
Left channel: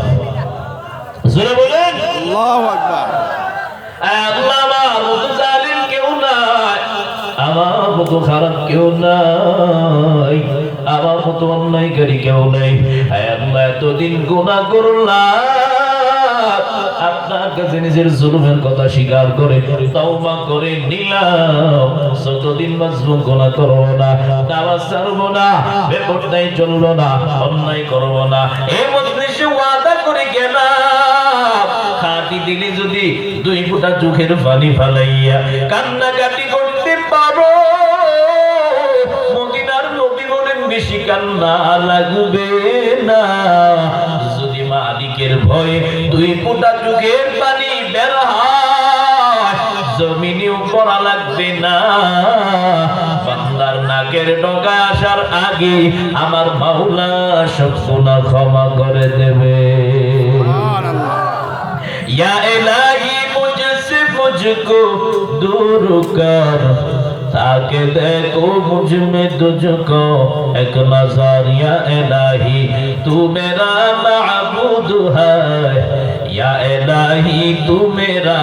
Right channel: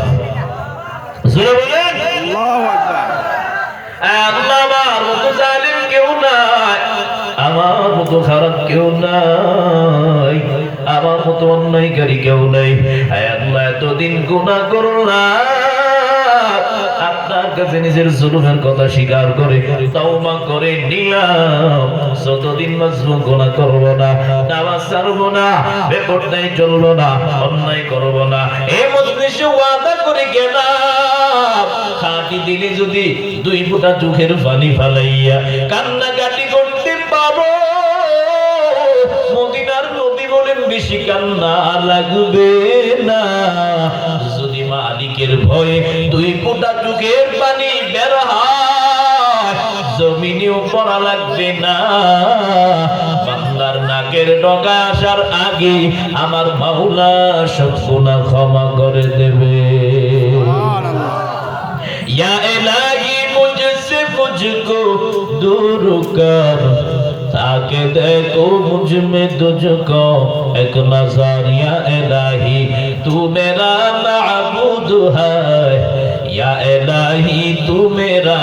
জোরে বলেন আল্লাহু আকবার। আল্লাহ, আমার মতো জালিম কেউ নাই, আমার মতো খারাপ কেউ নাই, আমার মতো অন্যায়কারী কেউ নাই। আল্লাহ, এতদিন গুনাহ করলাম, আপনার কাছে নিজের জুলুমের কথা স্বীকার করে তওবা করে নিলাম। যতদিন মাজলুম গুনাহ করব না, নামাজ ছাড়ব না, বেপরদাই চলব না, অন্যায় করব না, এই মজলিসে ওয়াদা করে গেলাম। খাঁটি দিলে যদি 2 ফোঁটা চোখের পানি ফালাইয়া কান্নাকাটি করতে পারো, মদিনার নবী বলেন বেশি কান্না লাগবে না। যদি মালিকের ভয়ে 2 ফোঁটা চোখের পানি বের হয়, জমিনেও পড়া লাগবে না। বান্দার নাকের ডগা আসার আগে আমার মাওলা সব গুনাহ ক্ষমা করে দেবে। या इलाही मुझसे मुझको दूर कर, ताकि देखो मुझ में तुझको एक नज़र। या इलाही तू मेरा माबूद है, या इलाही तू मेरा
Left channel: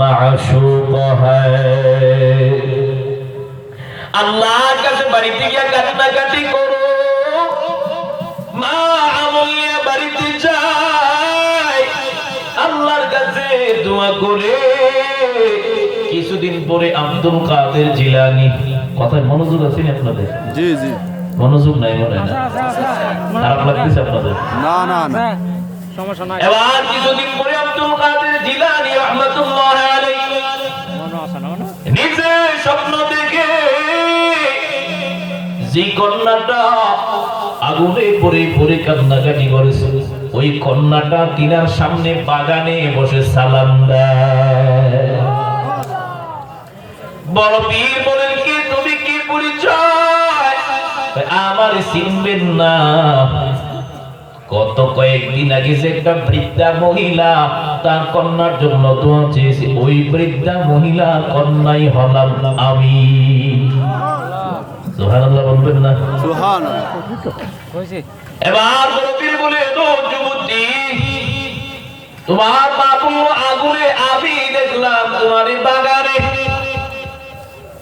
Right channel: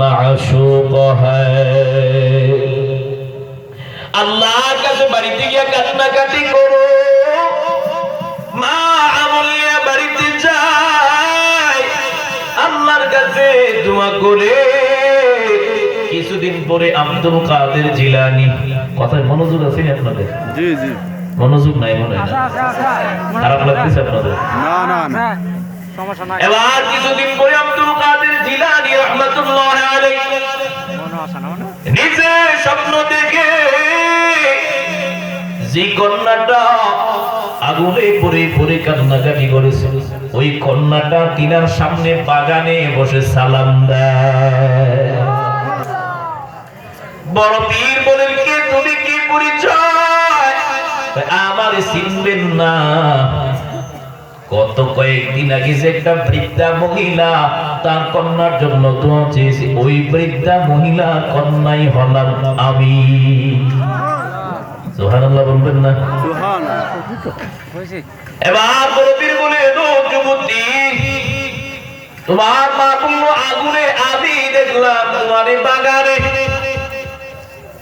माशूक है। अल्लाह का से बाड़ीते गিয়ে কান্নাকাটি করো, মা আমলিয়া বাড়িতে যায় আল্লাহর কাছে দোয়া করে। কিছুদিন পরে আব্দুল কাদের জিলানী, কথায় মনোযোগ আছে আপনাদের? জি জি, মনোযোগ নাই মনে হয়, খারাপ লাগতেছে আপনাদের? না না না, সমস্যা নাই। এবার কিছুদিন পরে আব্দুল কাদের জিলানী রাহমাতুল্লাহ আলাইহি নিজে স্বপ্ন দেখে যে কন্যাটা আগুনে পড়ে পড়ে কান্নাকাটি করেছে, ওই কন্যাটা তিনার সামনে বাগানে বসে সালাম দেয়। বড় পীর বলেন, কি তুমি কি পরিচয়? আমার চিনবেন না? গত কয়েকদিন আগে যে একটা বৃদ্ধা মহিলা তার কন্যার জন্য দোয়া চেয়েছে, ওই বৃদ্ধা মহিলার কন্যাই হলাম আমি। সুবহানাল্লাহ বলবেন না? সুবহানাল্লাহ। এবার বড় পীর বলে, ও যুবতী, তোমার মা পুরো আগুনে, আমি দেখলাম তোমার বাগানে।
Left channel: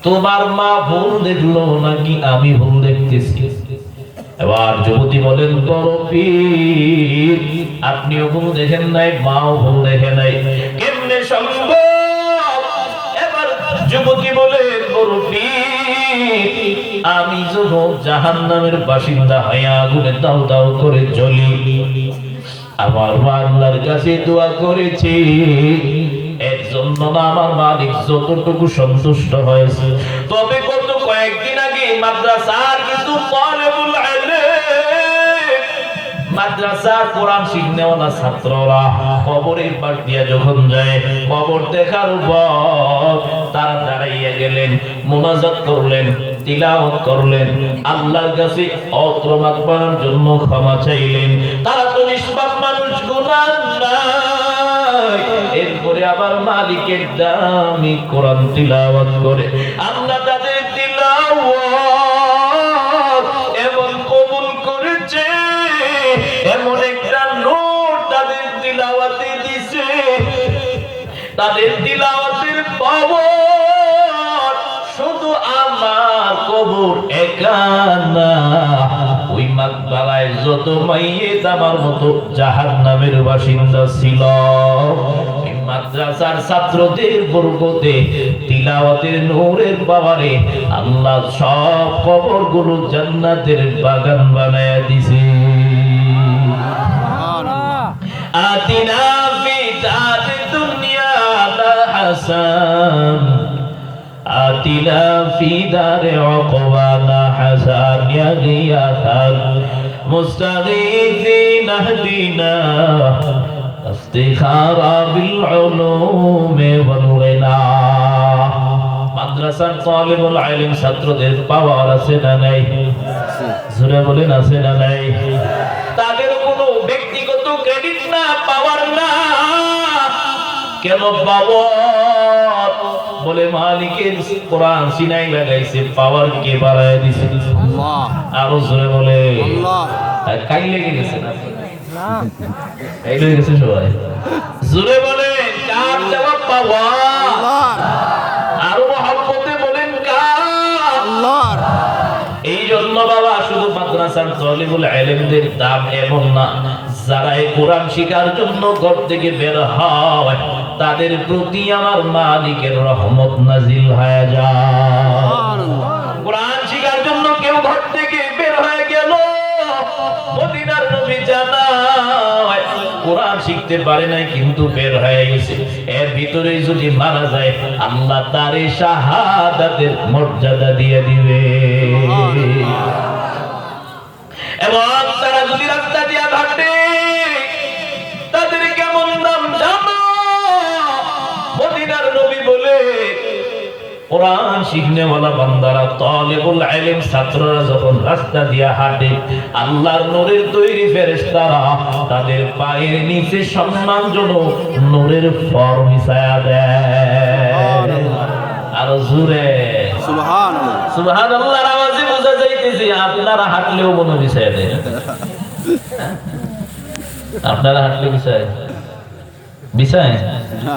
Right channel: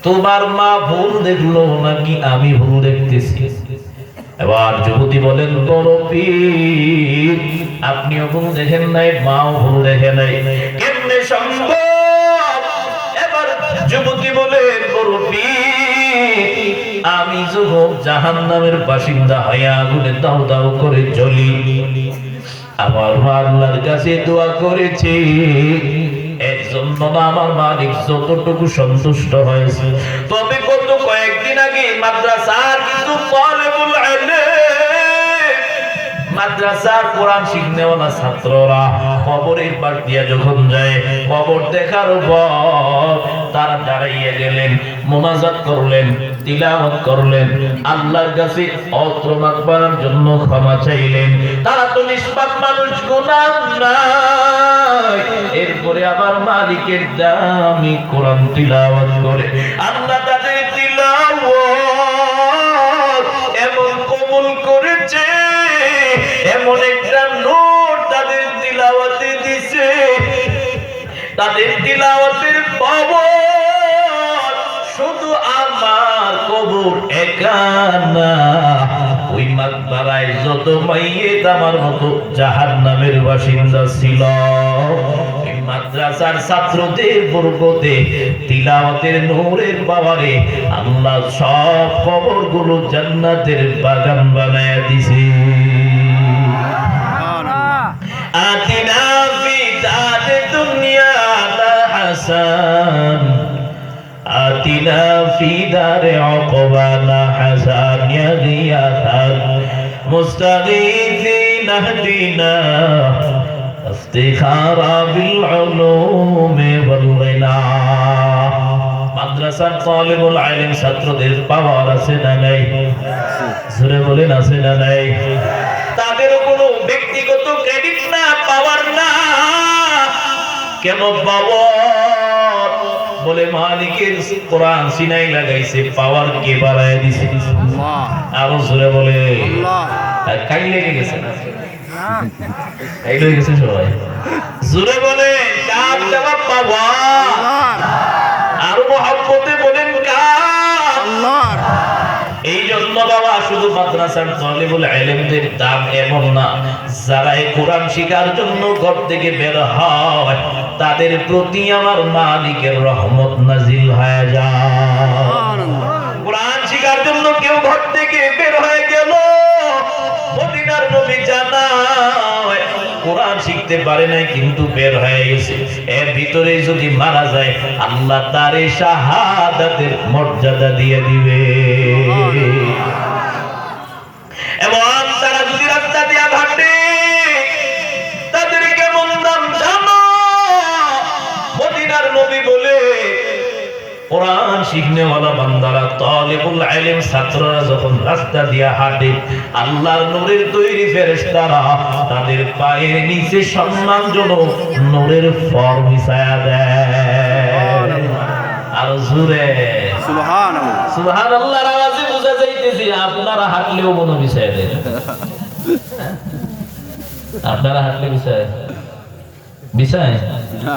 তোমার মা ভুল দেখলো নাকি আমি ভুল দেখতেছি? এবার যুবতী বলেন, বড় পীর, আপনিও ভুল দেখেন নাই, মাও ভুল দেখে নাই, কেমনে সম্ভব? এবার যুবতী বলেন, বড় পীর, আমি যখন জাহান্নামের বাসিন্দা হয়ে আগুনে দাউ দাউ করে জ্বলি, আমার মা আল্লাহর কাছে দোয়া করেছে, এর জন্য আমার মালিক যতটুকু সন্তুষ্ট হয়েছে। তবে গত কয়েকদিন আগে মাদ্রাসার কিছু তালেবুল ইলম, মাদ্রাসার কোরআন শিখনেওয়ালা ছাত্ররা কবরের পাশ দিয়ে যখন যায়, কবর দেখার পর তারা দাঁড়াইয়া গেলেন, মুনাজাত করলেন, তিলাওয়াত করলেন, আল্লাহর কাছে অত্রমাত করার জন্য ক্ষমা চাইলেন। তারা তো নিষ্পাপ মানুষ, গুনাহ নাই। এরপরে আবার মালিকের দামি কোরআন তিলাওয়াত করে আল্লাহ তাদের তিলাওয়াত এমন কবুল করেছে, এমন একটা নূর তাদের তিলাওয়াতে দিছে, তাদের তিলাওয়াতের পাওয়ার শুধু আমার কবুল মাহবুব একা না, ওই মাকবারায় যত মাইয়েত আমার মতো জাহান্নামের বাসিন্দা ছিল। এই মাদ্রাসার ছাত্রদের বরকতে তিলাওয়াতের নূরের পাওয়ারে আল্লাহ সব কবরগুলো জান্নাতের বাগান বানায়া দিছে। আতিনা ফি দার দুনিয়া হাসান, আতিনা ফি দার উকবানা হাসান, ইয়া গিয়াতান মুস্তাগীথিন আহদিনা ইফতিখারা বিল উলুম ওয়াল গিনা। মাদ্রাসার তালিবুল ইলম ছাত্রদের পাওয়ার আছে না নাই? জোরে বলেন আছে না নাই? তাদের কোনো ব্যক্তিগত ক্রেডিট না, পাওয়ার না। কেন পাবো? বলে মালিকের কোরআন সিনাই লাগাইছে, পাওয়ার কে বাড়ায় দিছে? আল্লাহ। আরো জোরে বলে আল্লাহ। কাই লেগে গেছে না? এই লেগে গেছে সবাই। জোরে বলে কার দেওয়া পাওয়ার? আল্লাহর। আরো মহব্বতে বলেন কার? আল্লাহর। এই জন্য বাবা শুধু মাদ্রাসার তালিবুল ইলমদের দাম এমন না, যারা এই কোরআন শিখার জন্য ঘর থেকে বের হয় তাদের প্রতি আমার মালিকের রহমত নাজিল হয়ে যায়। কোরআন শিখার জন্য কেউ ঘর থেকে বের হয়ে গেল, মদিনার নবী জানায় কোরআন শিখতে পারে নাই কিন্তু বের হয়ে গেছে, এর ভিতরে যদি মারা যায় আল্লাহ তার শাহাদাতের মর্যাদা দিয়ে দিবে। এবং তারা যদি রাস্তা দিয়ে হাঁটে তাদের কেমন দাম জানো? মদিনার নবী বলে কোরআন শিখনেওয়ালা বান্দারা তালিবুল ইলম ছাত্ররা যখন রাস্তা দিয়ে হাঁটে আল্লাহর নূরের তৈরি ফেরেশতারা তাদের পায়ের নিচে সম্মানজনক নূরের ফর বিছায়া দেয়। আর জোরে সুবহানাল্লাহ। সুবহানাল্লাহর আওয়াজে বোঝা যাইতেছে আপনারা হাঁটলেও মনে বিছায়া দেন। আপনারা হাঁটলে বিছায় বিছায় না,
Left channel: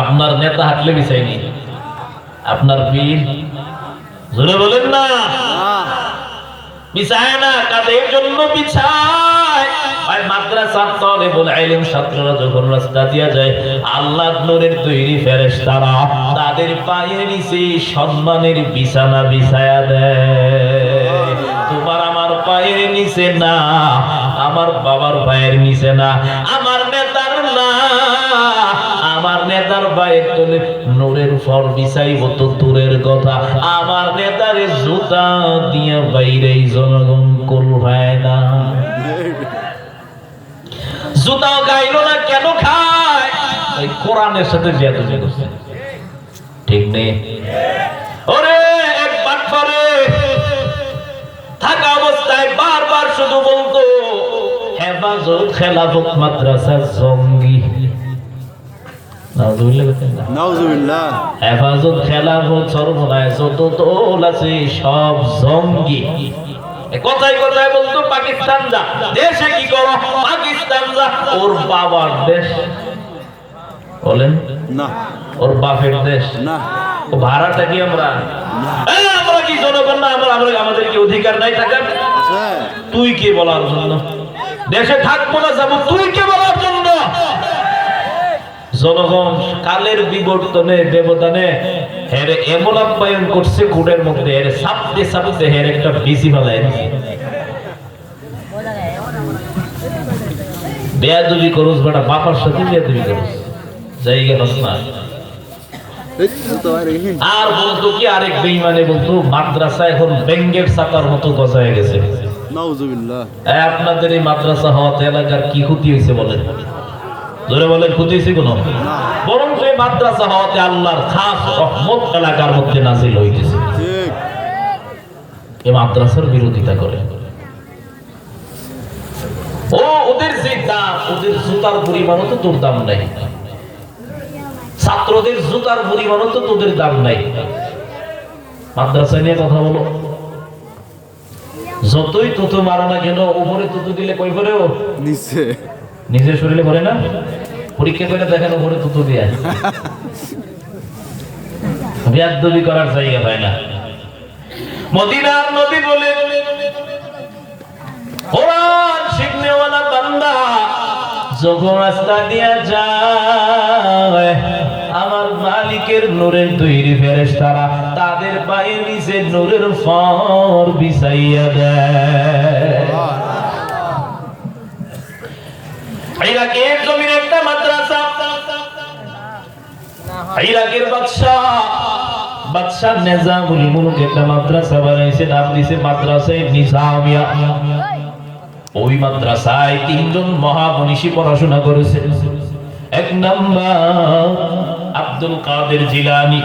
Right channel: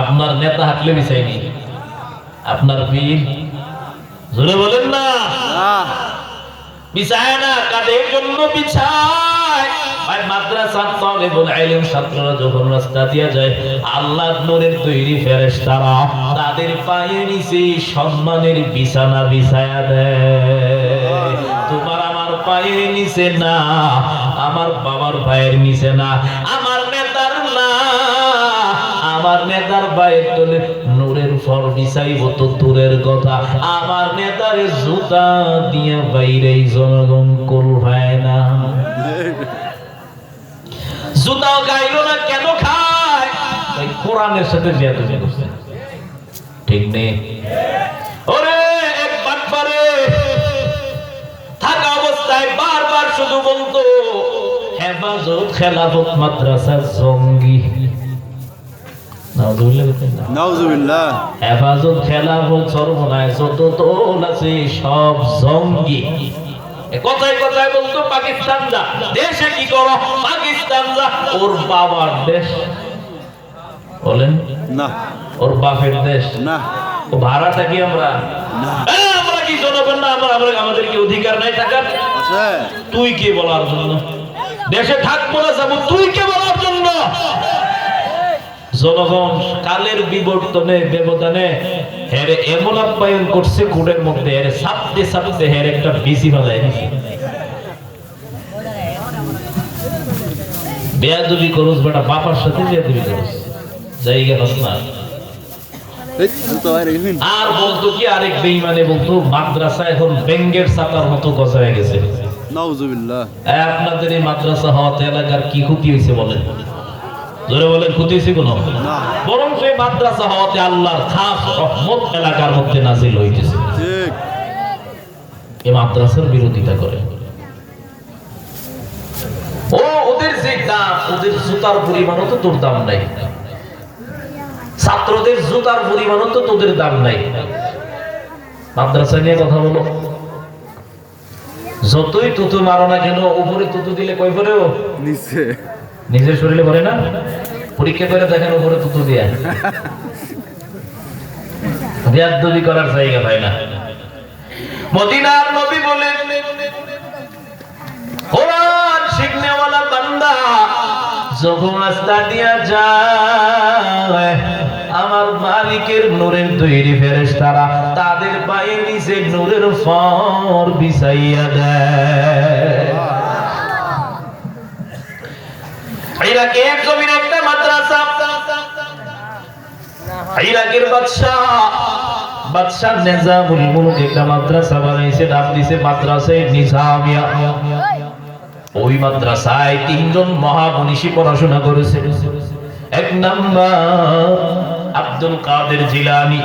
আপনার নেতা হাঁটলে বিছায়নি, আপনার পীর জোরে বলেন না বিছায় না, কাদের জন্য বিছায়? ভাই মাদ্রাসার তালিবুল ইলম ছাত্ররা যখন রাস্তা দিয়ে যায় আল্লাহর নূরের তৈরি ফেরেশতারা তাদের পায়ের নিচে সম্মানের বিছানা বিছায়া দেয়। তোমার আমার পায়ের নিচে না, আমার বাবার পায়ের নিচে না, আমার নেতার না, আমার নেতার পায়ের তলে নূরের ফল বিছাইব তো দূরের কথা, আমার নেতার জুতা দিয়ে বাইরেই জনগণ কুল হয় না। জুতা গাইল না কেন খায়? এই কোরআনের সাথে জিয়াদতি করছে, ঠিক নেই? ওরে একবার পরে থাকা অবস্থায় বারবার শুধু বলতো হেফাজত খেলাফত মাদ্রাসার জঙ্গি। নাউজুবিল্লাহ। হেফাজত খেলাফত সর্বনায় যত দল আছে সব জঙ্গি। কথায় কথায় বলতো পাকিস্তান যা, দেশে কি করো? পাকিস্তান যা। ওর বাবার দেশ বলেন না, ওর বাপের দেশ না, ও ভাড়াটা কি আমরা না, আমরা কি জনগণ না? আমাদের কি অধিকার নাই টাকার? আছে। তুই কে বলার জন্য? দেশে থাকবো না যাবো, তুই কে বলার জন্য? জনগণ কালের বিবর্তনে ব্যবধানে হেরে এমন আপ্যায়ন করছে কুড়ের মধ্যে, হেরে সাপতে সাপতে হেরে একটা বিসি বাজায় বেয়াদবি করস বেটা, বাবার সাথে বেয়াদবি করস জায়গা না। আর বলতো কি আরেক বেঈমানে বলতো মাদ্রাসা এখন বেঙ্গের চাকার মতো গজায় গেছে। নাউজুবিল্লাহ। আপনাদের এই মাদ্রাসা হওয়াতে এলাকার কি ক্ষতি হয়েছে বলেন? জোরে বলেন ক্ষতি হয়েছে কোনো? না, বরং সেই মাদ্রাসা হওয়াতে আল্লাহর খাস রহমত এলাকার মধ্যে নাজিল হইতেছে। ঠিক। এই মাদ্রাসার বিরোধিতা করে ও ওদের যে দাম, ওদের জুতার পরিমাণও তো তোর দাম নাই, ছাত্রদের জুতার পরিমাণও তো তোদের দাম নাই। মাদ্রাসা নিয়ে কথা বলো, যতই তুতু মারো না কেন উপরে তুতু দিলে কই পড়েও নিচে, নিজের শরীরে পড়ে না। পরীক্ষা করে দেখেন উপরে তুতু দিয়ে বেয়াদবি করার জায়গা পায় না। মদিনার নবী বলেন, কোরআন শিখনেওয়ালা বান্দা যখন রাস্তা দিয়া যায়, আমার মালিকের নূরের তৈরি ফেরেশতারা তাদের পায়ের নিচে নূরের ফর বিছাইয়া দেয়। ইরাকের জমির একটা মাদ্রাসা, ইরাকের বাদশা নিজামুল মুলক একটা মাদ্রাসা বানাইছে, নাম দিয়েছে মাদ্রাসায়ে নিজামিয়া। ওই মাদ্রাসায় তিনজন মহামনীষী পড়াশোনা করেছে। এক নাম্বার আব্দুল কাদের জিলানী,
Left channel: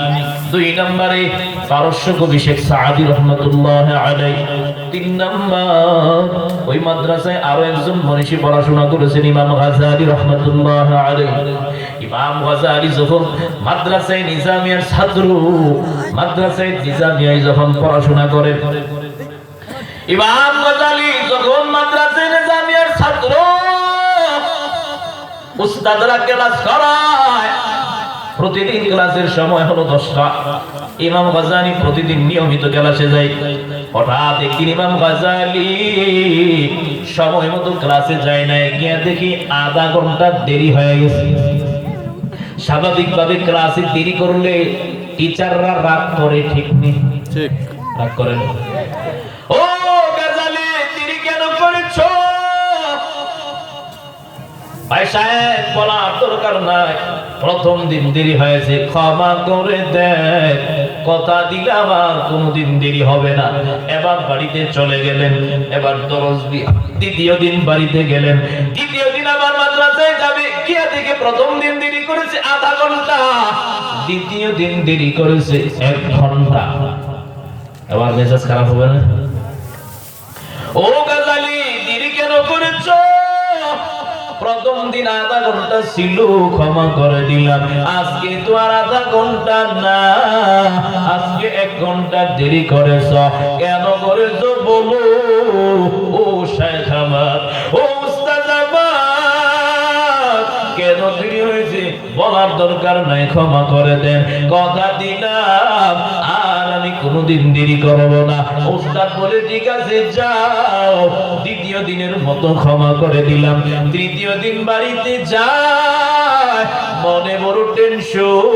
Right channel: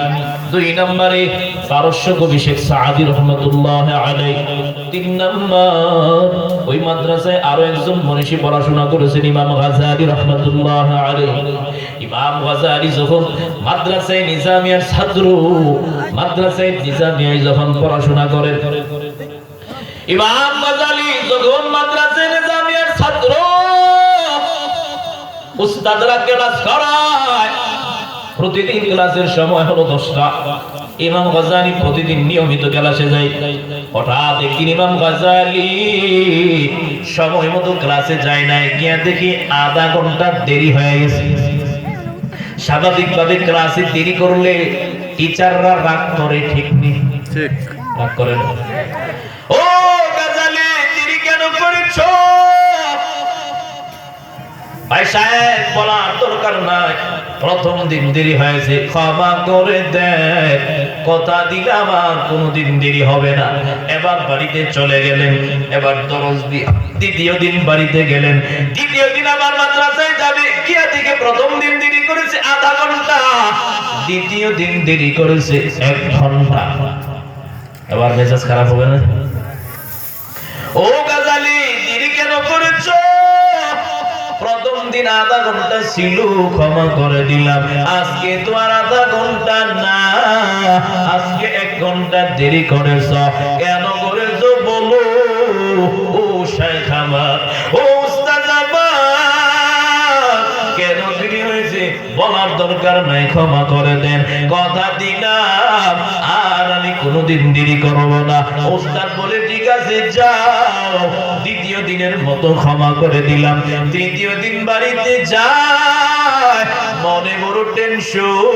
দুই নম্বরে পারস্য কবি শেখ সাদি রহমাতুল্লাহ আলাইহি, তিন নম্বর ওই মাদ্রাসায় আরো একজন মনীষী পড়াশোনা করেছেন ইমাম গাজালি রহমাতুল্লাহ আলাইহি। ইমাম গাজালি যখন মাদ্রাসায়ে নিজামিয়ার ছাত্র, মাদ্রাসায়ে নিজামিয়ায় যখন পড়াশোনা করেন, ইমাম গাজালি যখন মাদ্রাসায়ে নিজামিয়ার ছাত্র, উস্তাদরা ক্লাস করায়, প্রতিদিন ক্লাসের সময় হলো 10টা। ইমাম গাজালি প্রতিদিন নিয়মিত ক্লাসে যায়। হঠাৎ একদিন ইমাম গাজালি সময় মতো ক্লাসে যায় না, গিয়ে দেখি আধা ঘন্টা দেরি হয়ে গেছে। স্বাভাবিকভাবে ক্লাসে দেরি করলে টিচাররা রাগ করে, ঠিক নেই? ঠিক রাগ করে না। ও গাজালি, দেরি কেন করেছো? ভাই সাহেব, বলার দরকার নাই, প্রথম দিন দেরি হয়েছে, ক্ষমা করে দেন, কথা দিলাম আর কোনোদিন দেরি হবে না। এবার বাড়িতে চলে গেলেন। এবার দরজ দ্বিতীয় দিন বাড়িতে গেলেন। দ্বিতীয় দিন আবার মাদ্রাসায় যাবে, গিয়া থেকে প্রথম দিন দেরি করেছে আধা ঘন্টা, দ্বিতীয় দিন দেরি করেছে 1 ঘন্টা। এবার মেজাজ খারাপ হবে না? ও গাজালি, দেরি কেন করেছো? প্রথম দিন আধা ঘন্টা ছিল, ক্ষমা করে দিলাম, আজকে তো আর আধা ঘন্টা না, আজকে 1 ঘন্টা দেরি করেছ। কেন করেছ বলো? ও শাইখ আমার, ও উস্তাদ আমার, কেন দেরি হয়েছে বলার দরকার নাই, ক্ষমা করে দেন, কথা দিলাম আর আমি কোনোদিন দেরি করব না। উস্তাদ বলে, ঠিক আছে যাও, দ্বিতীয় দিনের মতো ক্ষমা করে দিলাম। তৃতীয় দিন বাড়িতে যায়, মনে বড় টেনশন,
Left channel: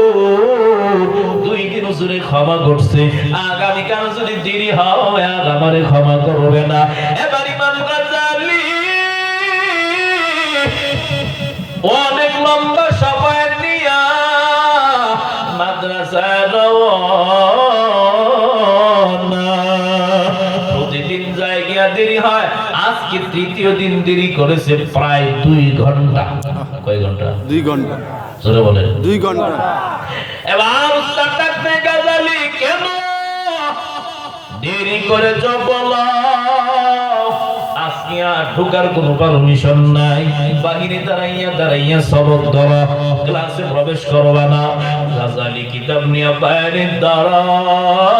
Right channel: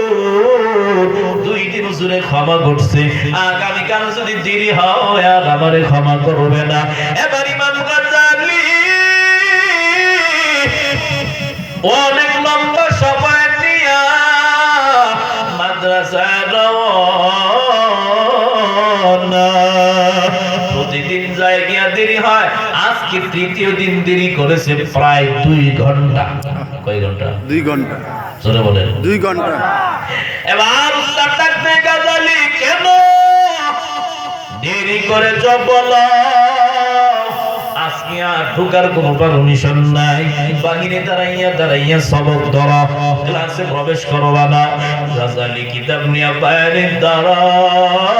2 দিন হুজুরে ক্ষমা করছে, আগামীকাল যদি দেরি হয় আর আমারে ক্ষমা করবে না। এবার ইমাম গাজালি অনেক লম্বা সময় নিয়া মাদ্রাসায় রওনা। প্রতিদিন যায়, গিয়া দেরি হয়, আজকে তৃতীয় দিন দেরি করেছে প্রায় 2 ঘন্টা। কয় ঘন্টা? 2 ঘন্টা। জোরে বলেন। 2 ঘন্টা। এবার উস্তাদ ডাকতে, গাজালি কেন দেরি করেছ বলো? আজকে আর ঢোকার কোনো পারমিশন নাই, বাহিরে দাঁড়াইয়া সবক ধরো, ক্লাসে প্রবেশ করবা না। গাজালি কিতাব নিয়ে বাইরে দাঁড়ায়,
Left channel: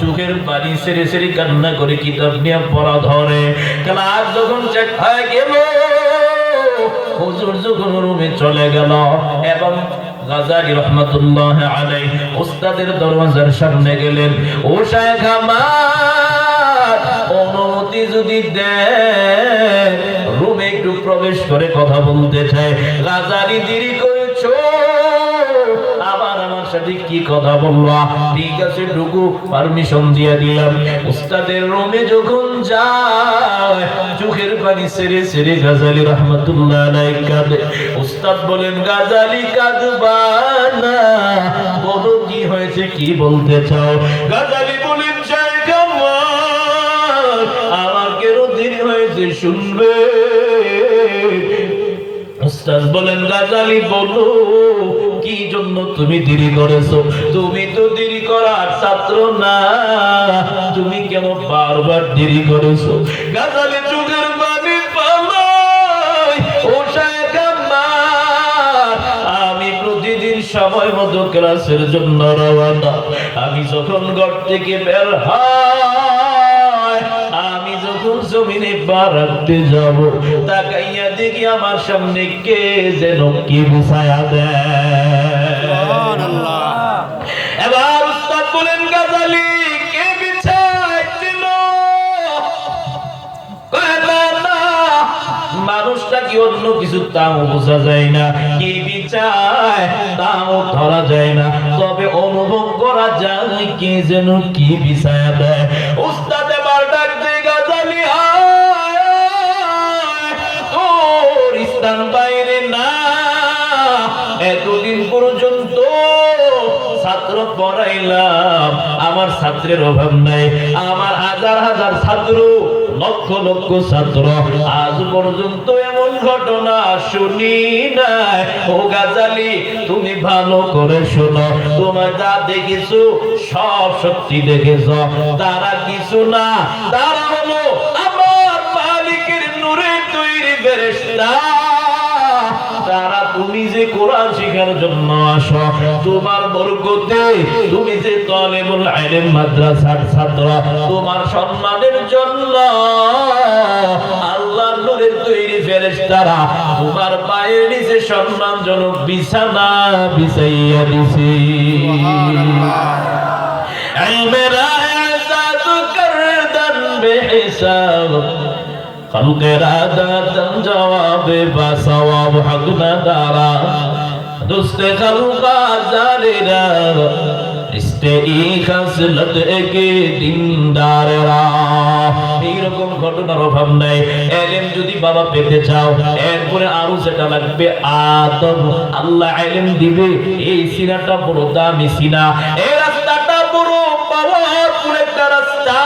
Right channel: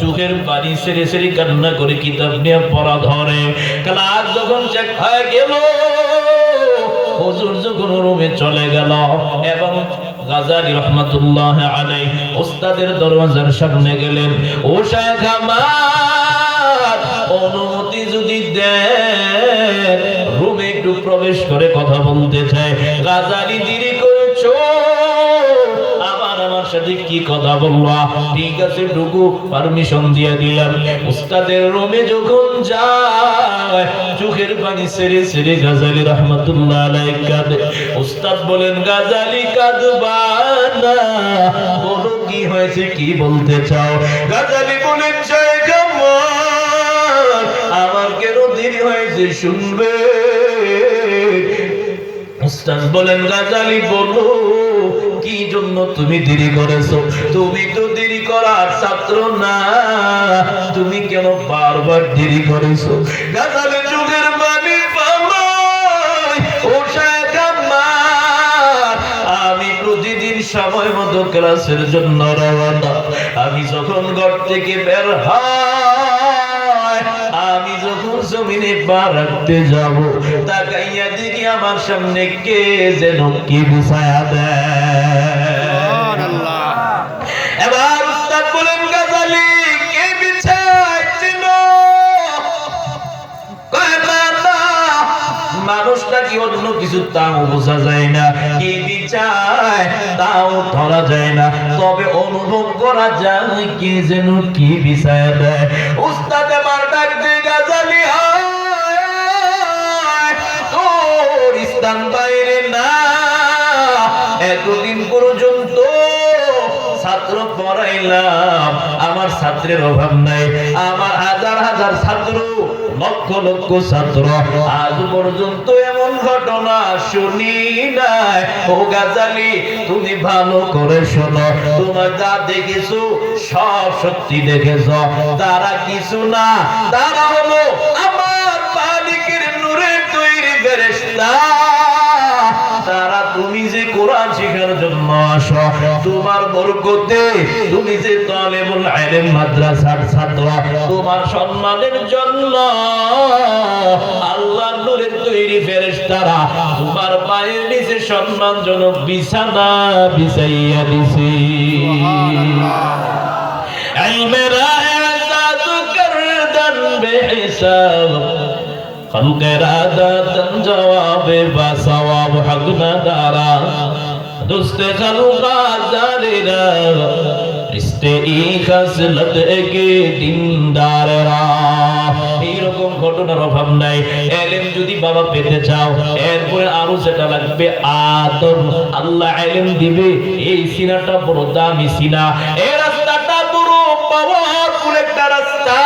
চোখের পানি সেরে সেরে কান্না করে কিতাব নিয়ে পড়া ধরে। ক্লাস যখন শেষ হয়ে গেল, হুজুর যখন রুমে চলে গেল, এবং গাজালি রহমাতুল্লাহ আলাইহি উস্তাদের দরওয়াজার সামনে গেলেন। ও শাইখ আমার, অনুমতি যদি দেন, রুমে একটু প্রবেশ করে কথা বলতে চাই। গাজালি, দেরি করেছো, আবার আমার সাথে কি কথা বলবা? ঠিক আছে ঢুকু, পারমিশন দিয়ে দিলাম। উস্তাদের রুমে যখন যায়, চোখের পানি সেরে সেরে গাজালি রহমাতুল্লাহ আলাইহি কাঁদে। উস্তাদ বলেন, গাজালি কাঁদবা না, বলো কি হয়েছে, কি বলতে চাও? গাজালি বলেন, শাইখ আমার কেন দেরি হয়েছে শুনবে? উস্তাদ বলেন, গাজালি বলো কি জন্য তুমি দেরি করেছো? তুমি তো দেরি করার ছাত্র না, তুমি কেন বারবার দেরি করেছো? গাজালি চোখের পানি পালায়, ও শাইখ আমার, আমি প্রতিদিন সময় মতো ক্লাসের জন্য রওনা। আমি যখন ঘর থেকে বের হয়, আমি যখন জমিনে পা রাখতে যাব, তাকাইয়া দেখি আমার সামনে কে যেন কি বিছায়া দেয়। এবার উস্তাদ বলেন, গাজালি নাকি অন্য কিছু তাও বোঝা যায় না, কি বিচার তাও ধরা যায় না, তবে অনুভব করা যায় কে যেন কি বিচার দেয়। উস্তাদ আমার ডাক দিয়ে গাজালি তোর স্থান বাইরে না। এতদিন পর্যন্ত ছাত্র পড়াইলাম, আমার ছাত্রের অভাব নাই, আমার হাজার হাজার ছাত্র, লক্ষ লক্ষ ছাত্র, আজ পর্যন্ত এমন ঘটনা শুনি নাই। ও গাজালি তুমি ভালো করে শোনো, তোমার যা দেখেছো সব সত্যি দেখেছো, তারা কিছু না, তারা হলো আমার মালিকের নূরের তৈরি ফেরেশতা। তারা তুমি যে কোরআন শেখার জন্য আসো, তোমার বরকতে তুমি যে তালেবুল ইলম মাদ্রাসার ছাত্র, তোমার সম্মানের জন্য আল্লাহর নূরের তৈরি ফেরেশতারা তোমার পায়ের নিচে সম্মানজনক বিছানা বিছাইয়া দিছে। সুবহানাল্লাহ। ইলমেরা জাদু করদান বেহিসাব, খালুকেরা দাদন জবাবে বা সওয়াব হক না দারা, দুস্তে খালুকা জালিরা ইস্তে ই খাসলত একে দিনদাররা। এইরকম ঘটনার অভাব নাই। ইলম যদি বাবা পেতে চাও, এরপরে আরো যেটা লাগবে আদব, আল্লাহ ইলম দিবে। এই সিনাটা বড় দামি সিনা, এই রাস্তাটা বড় পাওয়ারফুল একটা রাস্তা,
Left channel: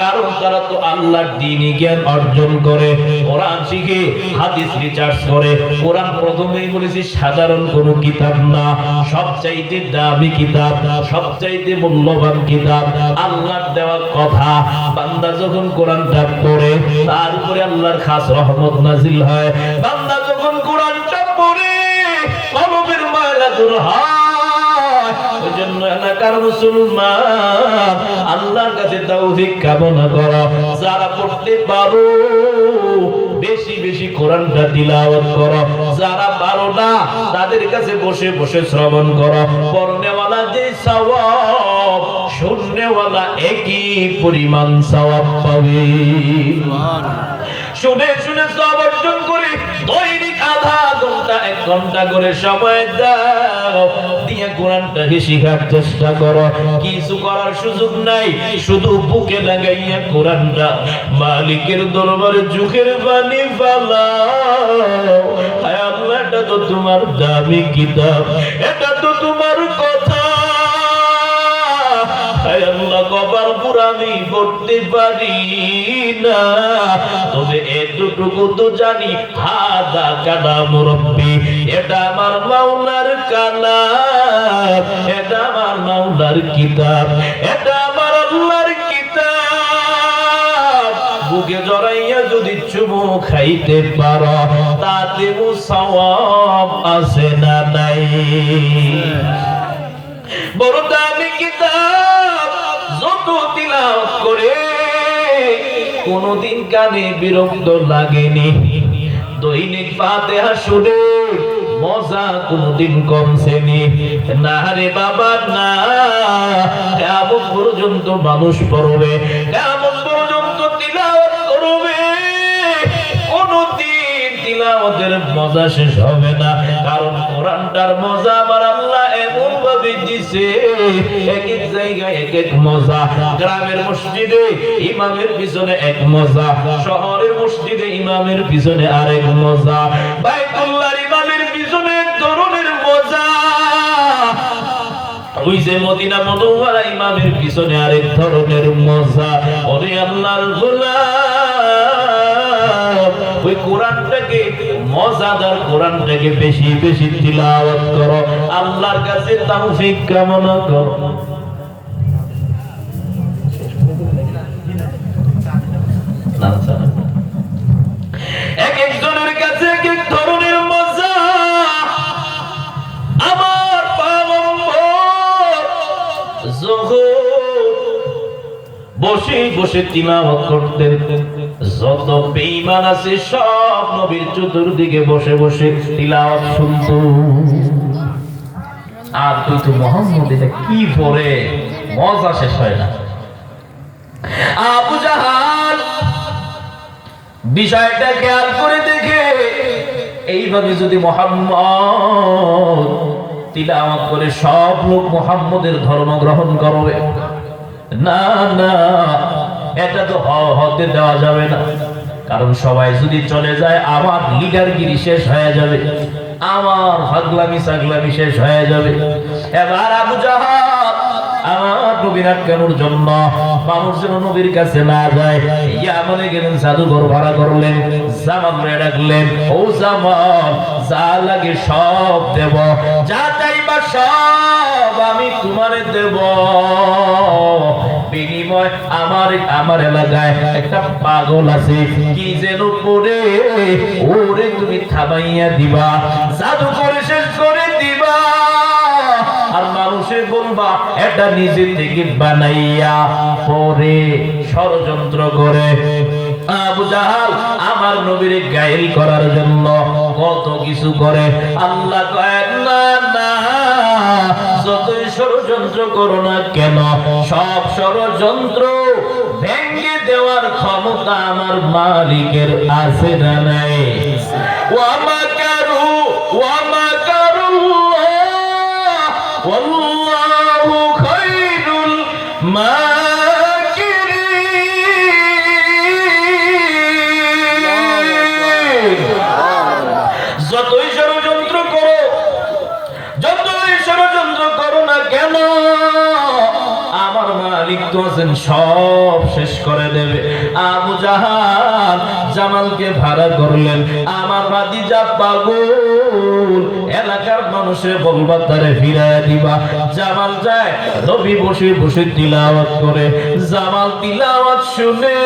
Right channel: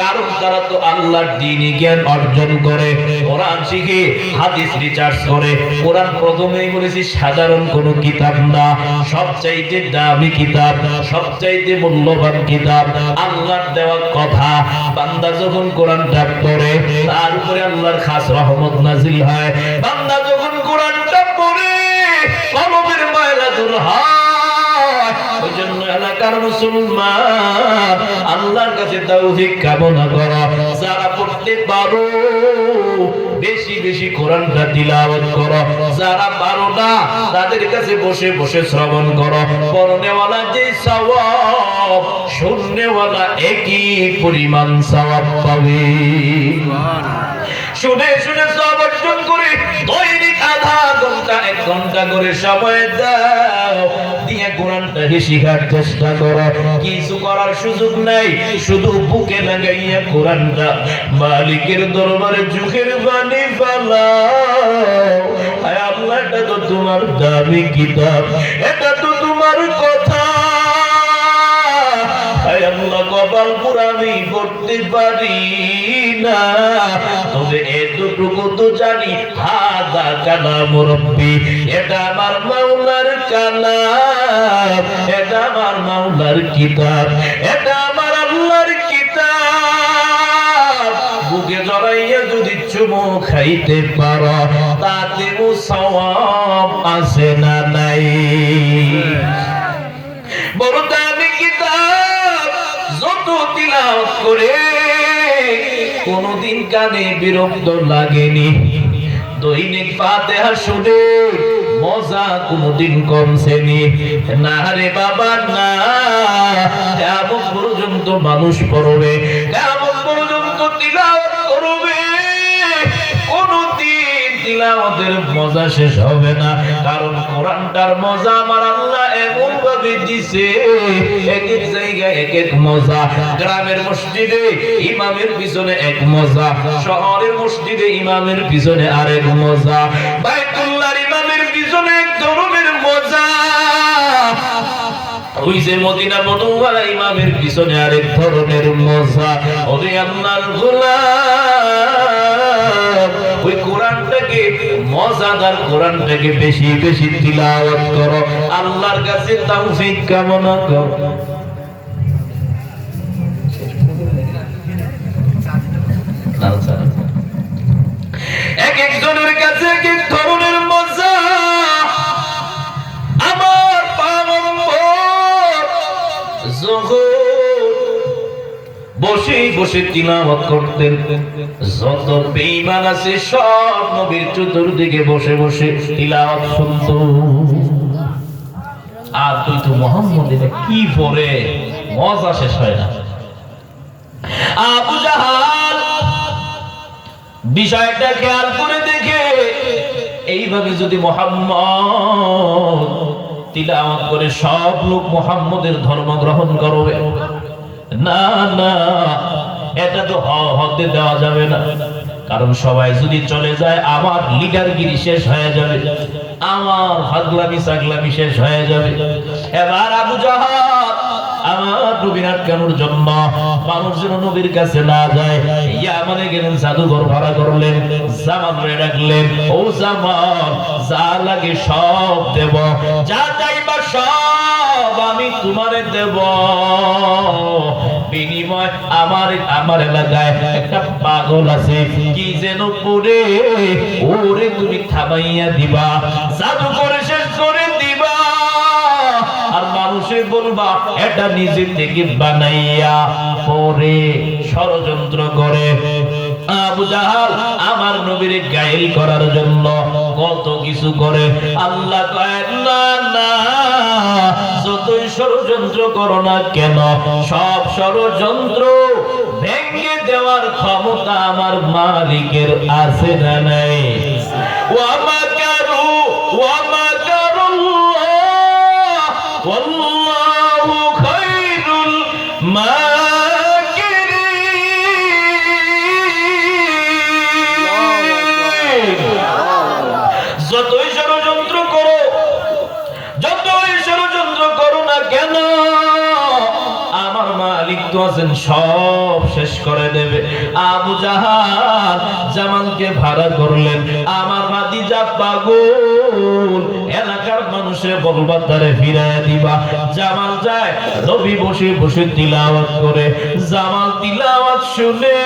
কারণ তারা তো আল্লাহর দ্বীনি জ্ঞান অর্জন করে, কোরআন শিখে, হাদিস রিসার্চ করে। কোরআন প্রথমেই বলেছি সাধারণ কোনো কিতাব না, সবচাইতে দামি কিতাব, সবচাইতে মূল্যবান কিতাব, আল্লাহর দেওয়া কথা। বান্দা যখন কোরআনটা পড়ে, তার উপরে আল্লাহর খাস রহমত নাজিল হয়। বান্দা যখন কোরআনটা পড়ে, কলবের ময়লা দূর হয়। ওই জন্য এলাকার মুসলমান আল্লাহর কাছে তাওফিক কামনা করো, যারা পড়তে পারো বেশি বেশি কোরআনটা তিলাওয়াত করো, যারা পারো না তাদের কাছে বসে বসে শ্রবণ করো। পড়নেওয়ালা যে সওয়াব, শুননেওয়ালা একই পরিমাণ সওয়াব পাবে। শুনে শুনে সওয়াব অর্জন করে দৈনিক আধা ঘন্টা 1 ঘন্টা করে সময় দাও, দিয়ে কোরআনটা শিখার চেষ্টা করো। কিছু করার সুযোগ নাই, শুধু বুকে লাগাইয়া কোরআনটা মালিকের দরবারে চোখের পানি ফালাও। হায় আল্লাহ, এটা তো তোমার দামি কিতাব, এটা তো তোমার কথা। হায় আল্লাহ, কপাল পুরা আমি পড়তে পারি না, তবে এতটুকু তো জানি হাদা কালাম রব্বি, এটা আমার মাওলার কালাম, এটা আমার মাওলার কিতাব, এটা আমার আল্লাহর কিতাব। বুকে জড়াইয়া যদি চুমু খাইতে পারো, তাতে সওয়াব আছে না নাই? বড় দামি কিতাব, যত তিলাওয়াত করে কোনদিন কানে বিরক্ত লাগেনি। দৈনিক ফাতিহা শুনে মজা কোনদিন কমছেনি না রে বাবা না। কিয়ামত পর্যন্ত মানুষ পড়বে, কিয়ামত পর্যন্ত তিলাওয়াত করবে, কোনদিন তিলাওয়াতের মজা শেষ হবে না। কারণ কোরআনটার মজা আমার আল্লাহ এমন ভাবে দিছে, এক এক জায়গায় এক এক মজা। গ্রামের মসজিদে ইমামের পিছনে এক মজা, শহরের মসজিদে ইমামের পিছনে আরেক মজা, বাইতুল্লাহর ইমামের পিছনে এক ধরনের মজা, ওই যে মদিনা মুনাওয়ারা ইমামের পিছনে আরেক ধরনের মজা। ওরে আল্লাহর গোলাম, ওই কোরআনটাকে মজাদার কোরআনটাকে বেশি বেশি তিলাওয়াত করো, আল্লাহর কাছে তৌফিক কামনা করো। এক একজনের কাছে এক এক ধরনের মজা। আমার পয়গম্বর যখন বসে বসে তিলাওয়াত করতেন, যত বেঈমান আছে সব নবীর চতুর্দিকে বসে বসে তিলাওয়াত শুনত। আর তুই তো মুহাম্মদ, এটা কি পড়ে, মজা শেষ হয় না। আবু জাহাল বিষয়টা খেয়াল করে দেখে এইভাবে যদি মুহাম্মদ তিলাওয়াত করে সব লোক মুহাম্মদের ধর্ম গ্রহণ করবে, না না, এটা তো হতে দেওয়া যাবে না। কারণ সবাই যদি চলে যায় আমার লিডারগিরি শেষ হয়ে যাবে, আমার হাগলামি সাগলামি শেষ হয়ে যাবে। এবার আবু জাহাল আমার নবীর আটকানোর জন্য মানুষ যেন নবীর কাছে না যায়, ইয়ামানে গেলেন, জাদুঘর ভাড়া করলেন, জামালরে ডাকলেন, ও জামাল যা লাগে সব দেব, যা চাইবা সব আমি তোমারে দেব, বিনিময় আমার এলাকায় একটা পাগল আছে, কি যেন করে ওরে তুমি থামাইয়া দিবা, জাদু করে শেষ করে দিবা, আর মানুষে বলবা এটা নিজে থেকে বানাইয়া পরে ষড়যন্ত্র করে। আবু জাহাল আমার নবীর গায়েল করার জন্য কত কিছু করে। আল্লাহ কয় না না, যতই ষড়যন্ত্র করো না কেন, সব ষড়যন্ত্র ভেঙে দেওয়ার ক্ষমতা আমার মালিকের আছে না নাই? ওয়া মাকারু ওয়া মাকারুল্লাহ ওয়াল্লাহু খায়রুল মাকিরিন। যতই ষড়যন্ত্র করো না কেন, আমার মালিক তো আছেন, সব শেষ করে দেবে। আবু জাহাল জামালকে ভাড়া করলেন, আমার ভাতিজা পাগল, এলাকার মানুষে বলবা তারে ফিরাইয়া দিবা। জামাল যায়, নবী বসে বসে তিলাওয়াত করে, জামাল তিলাওয়াত শুনে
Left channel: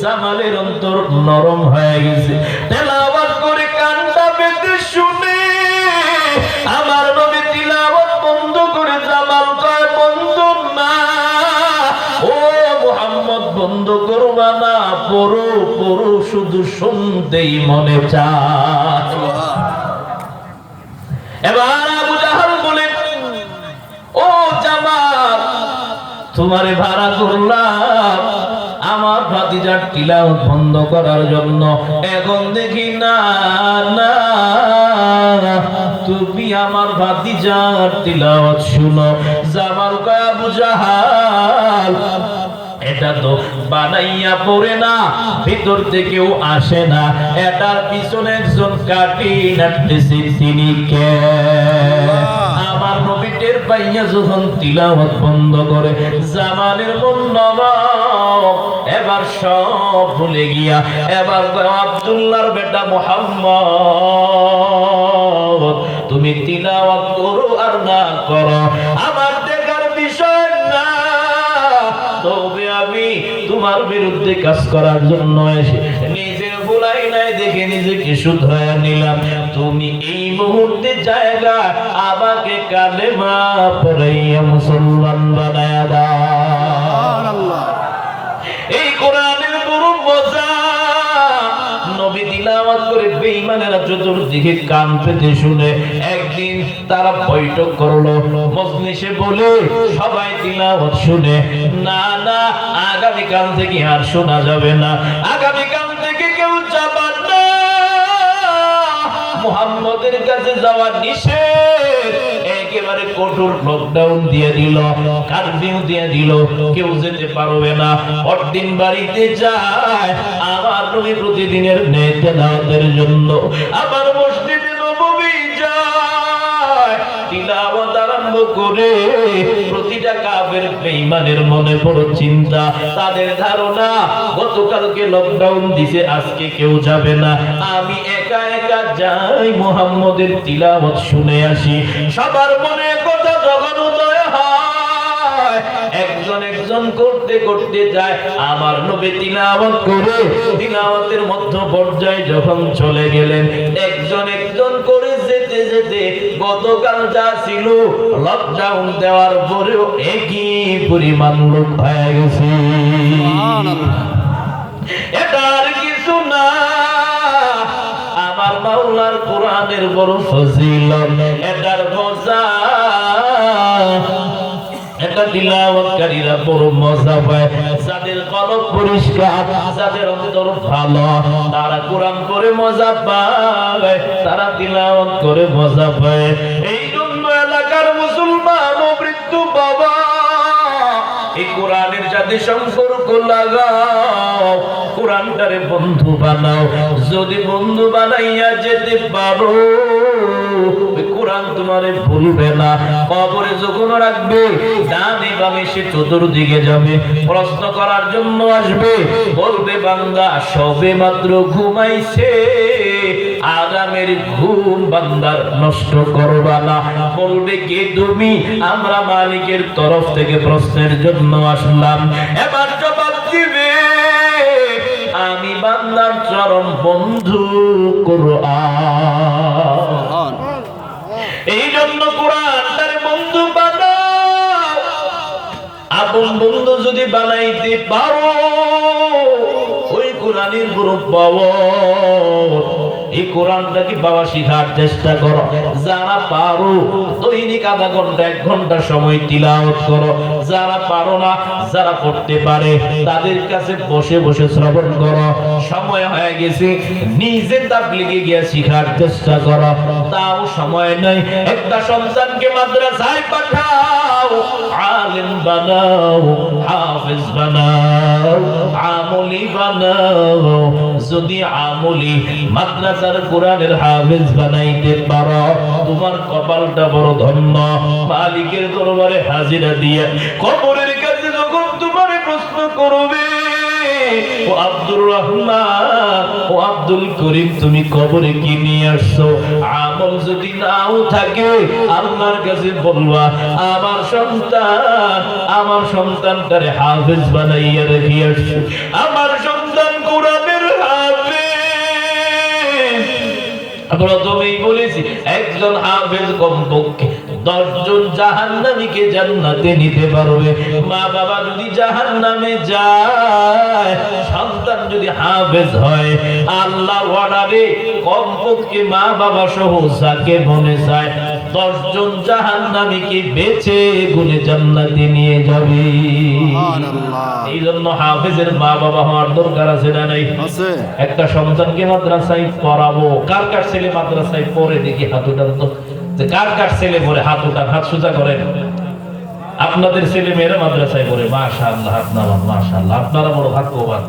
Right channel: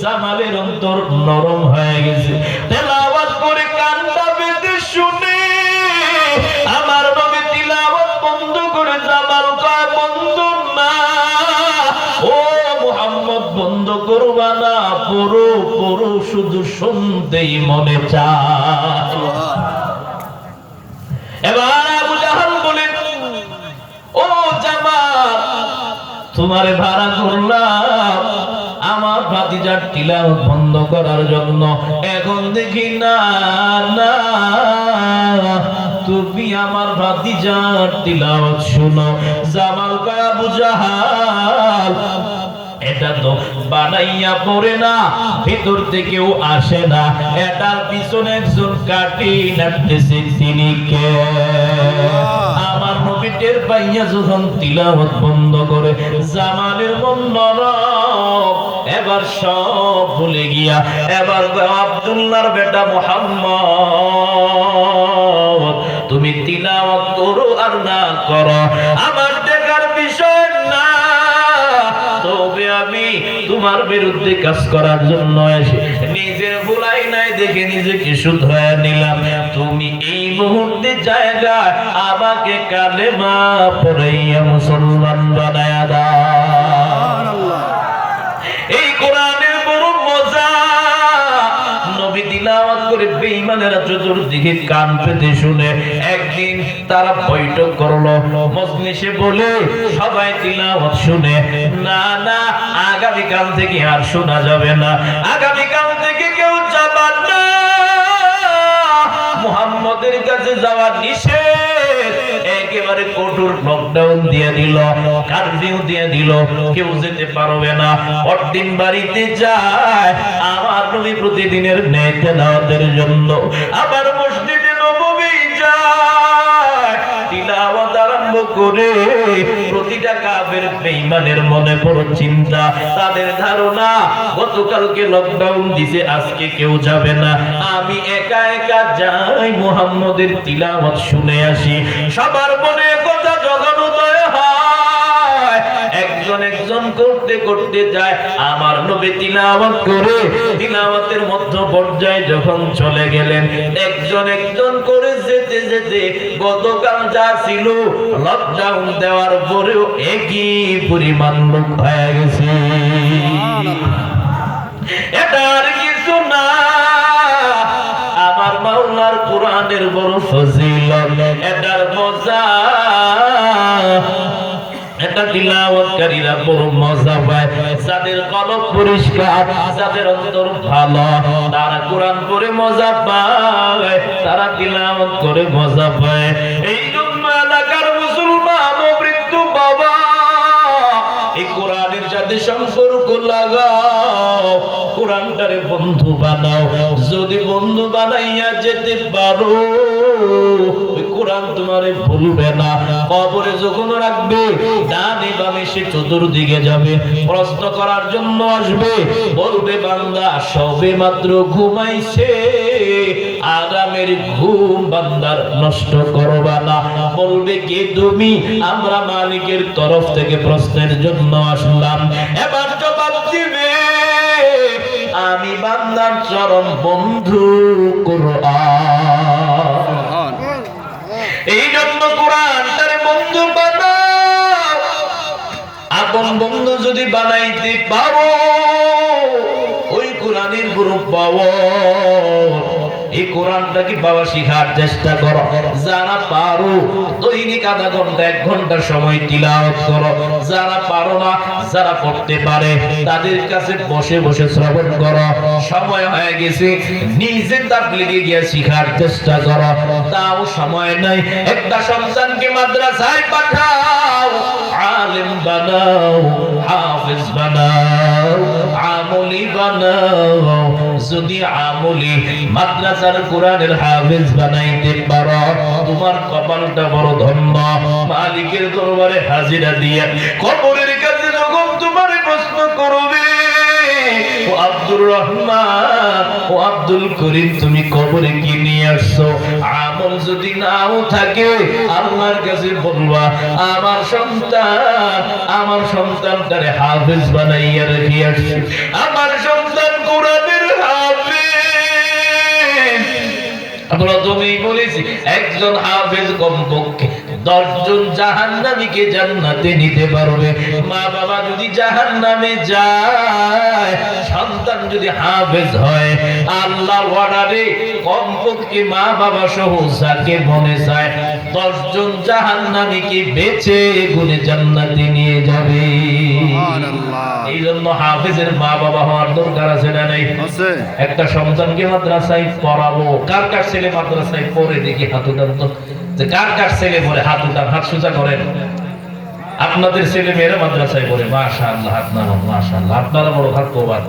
জামালের অন্তর নরম হয়ে গেছে। তিলাওয়াত করে কানটা বেঁধে শুনে আমার নবী তিলাওয়াত বন্ধ করে, জামাল কয় বন্ধু না, ও মুহাম্মদ বন্ধ করবা না, পড়ো পড়ো, শুধু শুনতেই মনে চায়। এবার আবু জাহাল বলে, ও জামাল তোমারে ভাড়া করলাম আমার ভাতিজার তিলাওয়াত বন্ধ করার জন্য, এখন দেখি না না তুমি আমার ভাতিজার তিলাওয়াত শুনো। জামাল কয় আবু জাহাল এটা তো বানাইয়া পড়ে না, ভিতর থেকেও আসে না, এটার পিছনে একজন কাটি নাড়তেছে, তিনি কে? আমার নবী টের পাইয়া যখন তিলাওয়াত বন্ধ করে, জামালের মন নরম, এবার সব ভুলে গিয়া এবার আব্দুল্লাহর বেটা মুহাম্মদ তুমি তিলাওয়াত করো আর না করো আমার দেখার বিষয় না, তবে আমি তোমার বিরুদ্ধে কাজ করার জন্য এসে নিজের ভুলাই নাই দেখে নিজেকে শুধরায় নিলাম। তুমি এই মুহূর্তে জায়গা আমাকে কালেমা পড়াইয়া মুসলমান বানায়া দাও। এই কোরআনের বড় মজা, নবী তিলাওয়াত করে বেঈমানেরা চতুর্দিকে কান পেতে শুনে। একদিন তারা বৈঠক করলো, মজলিসে বলে সবাই তিলাওয়াত শুনে, না না আগামীকাল থেকে আর শোনা যাবে না, আগামীকাল থেকে কেউ যাবার না, মুহাম্মদের কাছে যাওয়া নিষেধ। একেবারে কঠোর লকডাউন দিয়ে দিল, কারফিউ দিয়ে দিল, কেউ যেতে পারবে না। পরদিন বাড়িতে যায় আমার নবী প্রতিদিনের ন্যায় তেলাওয়াতের জন্য আমার মসজিদে নববী যায়, তিলাওয়াত আরম্ভ করে। প্রতিটা কাফের বেঈমানের মনে বড় চিন্তা, তাদের ধারণা গতকালকে লকডাউন দিছে, আজকে কেউ যাবে না, আমি একা একা যাই মুহাম্মদের তিলাওয়াত শুনে আসি। সবার মনে কথা যখন উদয় হয়, একজন একজন করতে করতে যায়, আমার নবী তিলাওয়াত করে তিলাওয়াতের মধ্য পর্যায়ে যখন চলে গেলেন, একজন একজন করে যেতে যেতে গতকাল যা ছিল লকডাউন দেওয়ার পরেও একই পরিমাণ লোক হয়ে গেছে। এটার কিছু না, আমার মাওলার কোরআনের বড় ফজিলত, এটার মজা, এটা প্রত্যেকটা তিলাওয়াতকারীরা বড় মজা পায়। যাদের কলব পরিষ্কার, যাদের অন্তর ভালো, তারা কোরআন পড়ে মজা পায়, তারা তিলাওয়াত করে মজা পায়। এই জন্য এলাকার মুসলমান ও বৃদ্ধ বাবা, এই কোরআনের সাথে সম্পর্ক লাগাও, কোরআনটারে বন্ধু বানাও। যদি বন্ধু বানাইয়া যেতে পারো, কোরআন তোমারে ভুলবে না। কবরে যখন রাখবে, ডানে বামে সে চতুর্দিকে যাবে, প্রশ্ন করার জন্য আসবে, বলবে বান্দা সবে মাত্র ঘুমাইছে, আরামের ঘুম বান্দার নষ্ট করবা না। বলবে কে তুমি? আমরা মালিকের তরফ থেকে প্রশ্নের জন্য আসলাম। এবার জবাব দিবে আমি বান্দার চরম বন্ধু কোরআন। এই জন্য কোরআন তার বন্ধু বানাও। আপন বন্ধু যদি বানাইতে পারো, ওই কোরআনের গ্রুপ পাবো। এই কোরআনটাকে বাবা শিখার চেষ্টা করো। যারা পারো দৈনিক আধা ঘন্টা 1 ঘন্টা সময় তিলাওয়াত করো। যারা পারো না, যারা পড়তে পারে, তাদের কাছে বসে বসে শ্রবণ করো। সময় হয়ে গেছে, নিজে তাবলীগে গিয়ে শিখার চেষ্টা করো। তাও সময় নাই। একটা সন্তানকে মাদ্রাসায় পাঠাও, আলেম বানাও, হাফেজ বানাও, আমলি বানাও। যদি আমলি মাদ্রাসার কোরআনের হাফেজ বানাইতে পারো, তোমার কপালটা বড় ধন্য। মালিকের দরবারে হাজিরা দিয়া কবরের কাছে যখন তোমারে প্রশ্ন করবে, ও আব্দুর রহমান, ও আব্দুল করিম, তুমি কবরে কি নিয়ে আসছো? আমল যদি নাও থাকে, আল্লাহর কাছে বলবা আমার সন্তানটারে হাফেজ বানাইয়া রেখে আসছে। আমার সন্তান কোরআনের হাফেজ। প্রথমেই বলেছি, একজন হাফেজ কমপক্ষে 10 জন জাহান্নামীকে জান্নাতে নিতে পারবে। মা বাবা যদি জাহান্নামে যায়, সন্তান যদি হাফেজ হয়, আল্লাহর ওয়ার্ডারে কমপক্ষে মা বাবা সহ যাকে মনে চায় 10 জন জাহান্নামীকে বেঁচে গুনে জান্নাতে নিয়ে যাবে। সুবহানাল্লাহ। এই জন্য হাফেজের মা বাবা হওয়ার দরকার আছে না নাই? আছে। একটা সন্তানকে মাদ্রাসায় পড়াবো, কার কার ছেলে মাদ্রাসায় পড়ে দেখি হাত উঠান তো। যে কার কার ছেলে পড়ে হাত উঠান, হাত সোজা করেন। আপনাদের ছেলে মেয়েরা মাদ্রাসায় পড়ে, মাশাআল্লাহ, হাত নামান, মাশাআল্লাহ। আপনারা বড় ভাগ্যবান,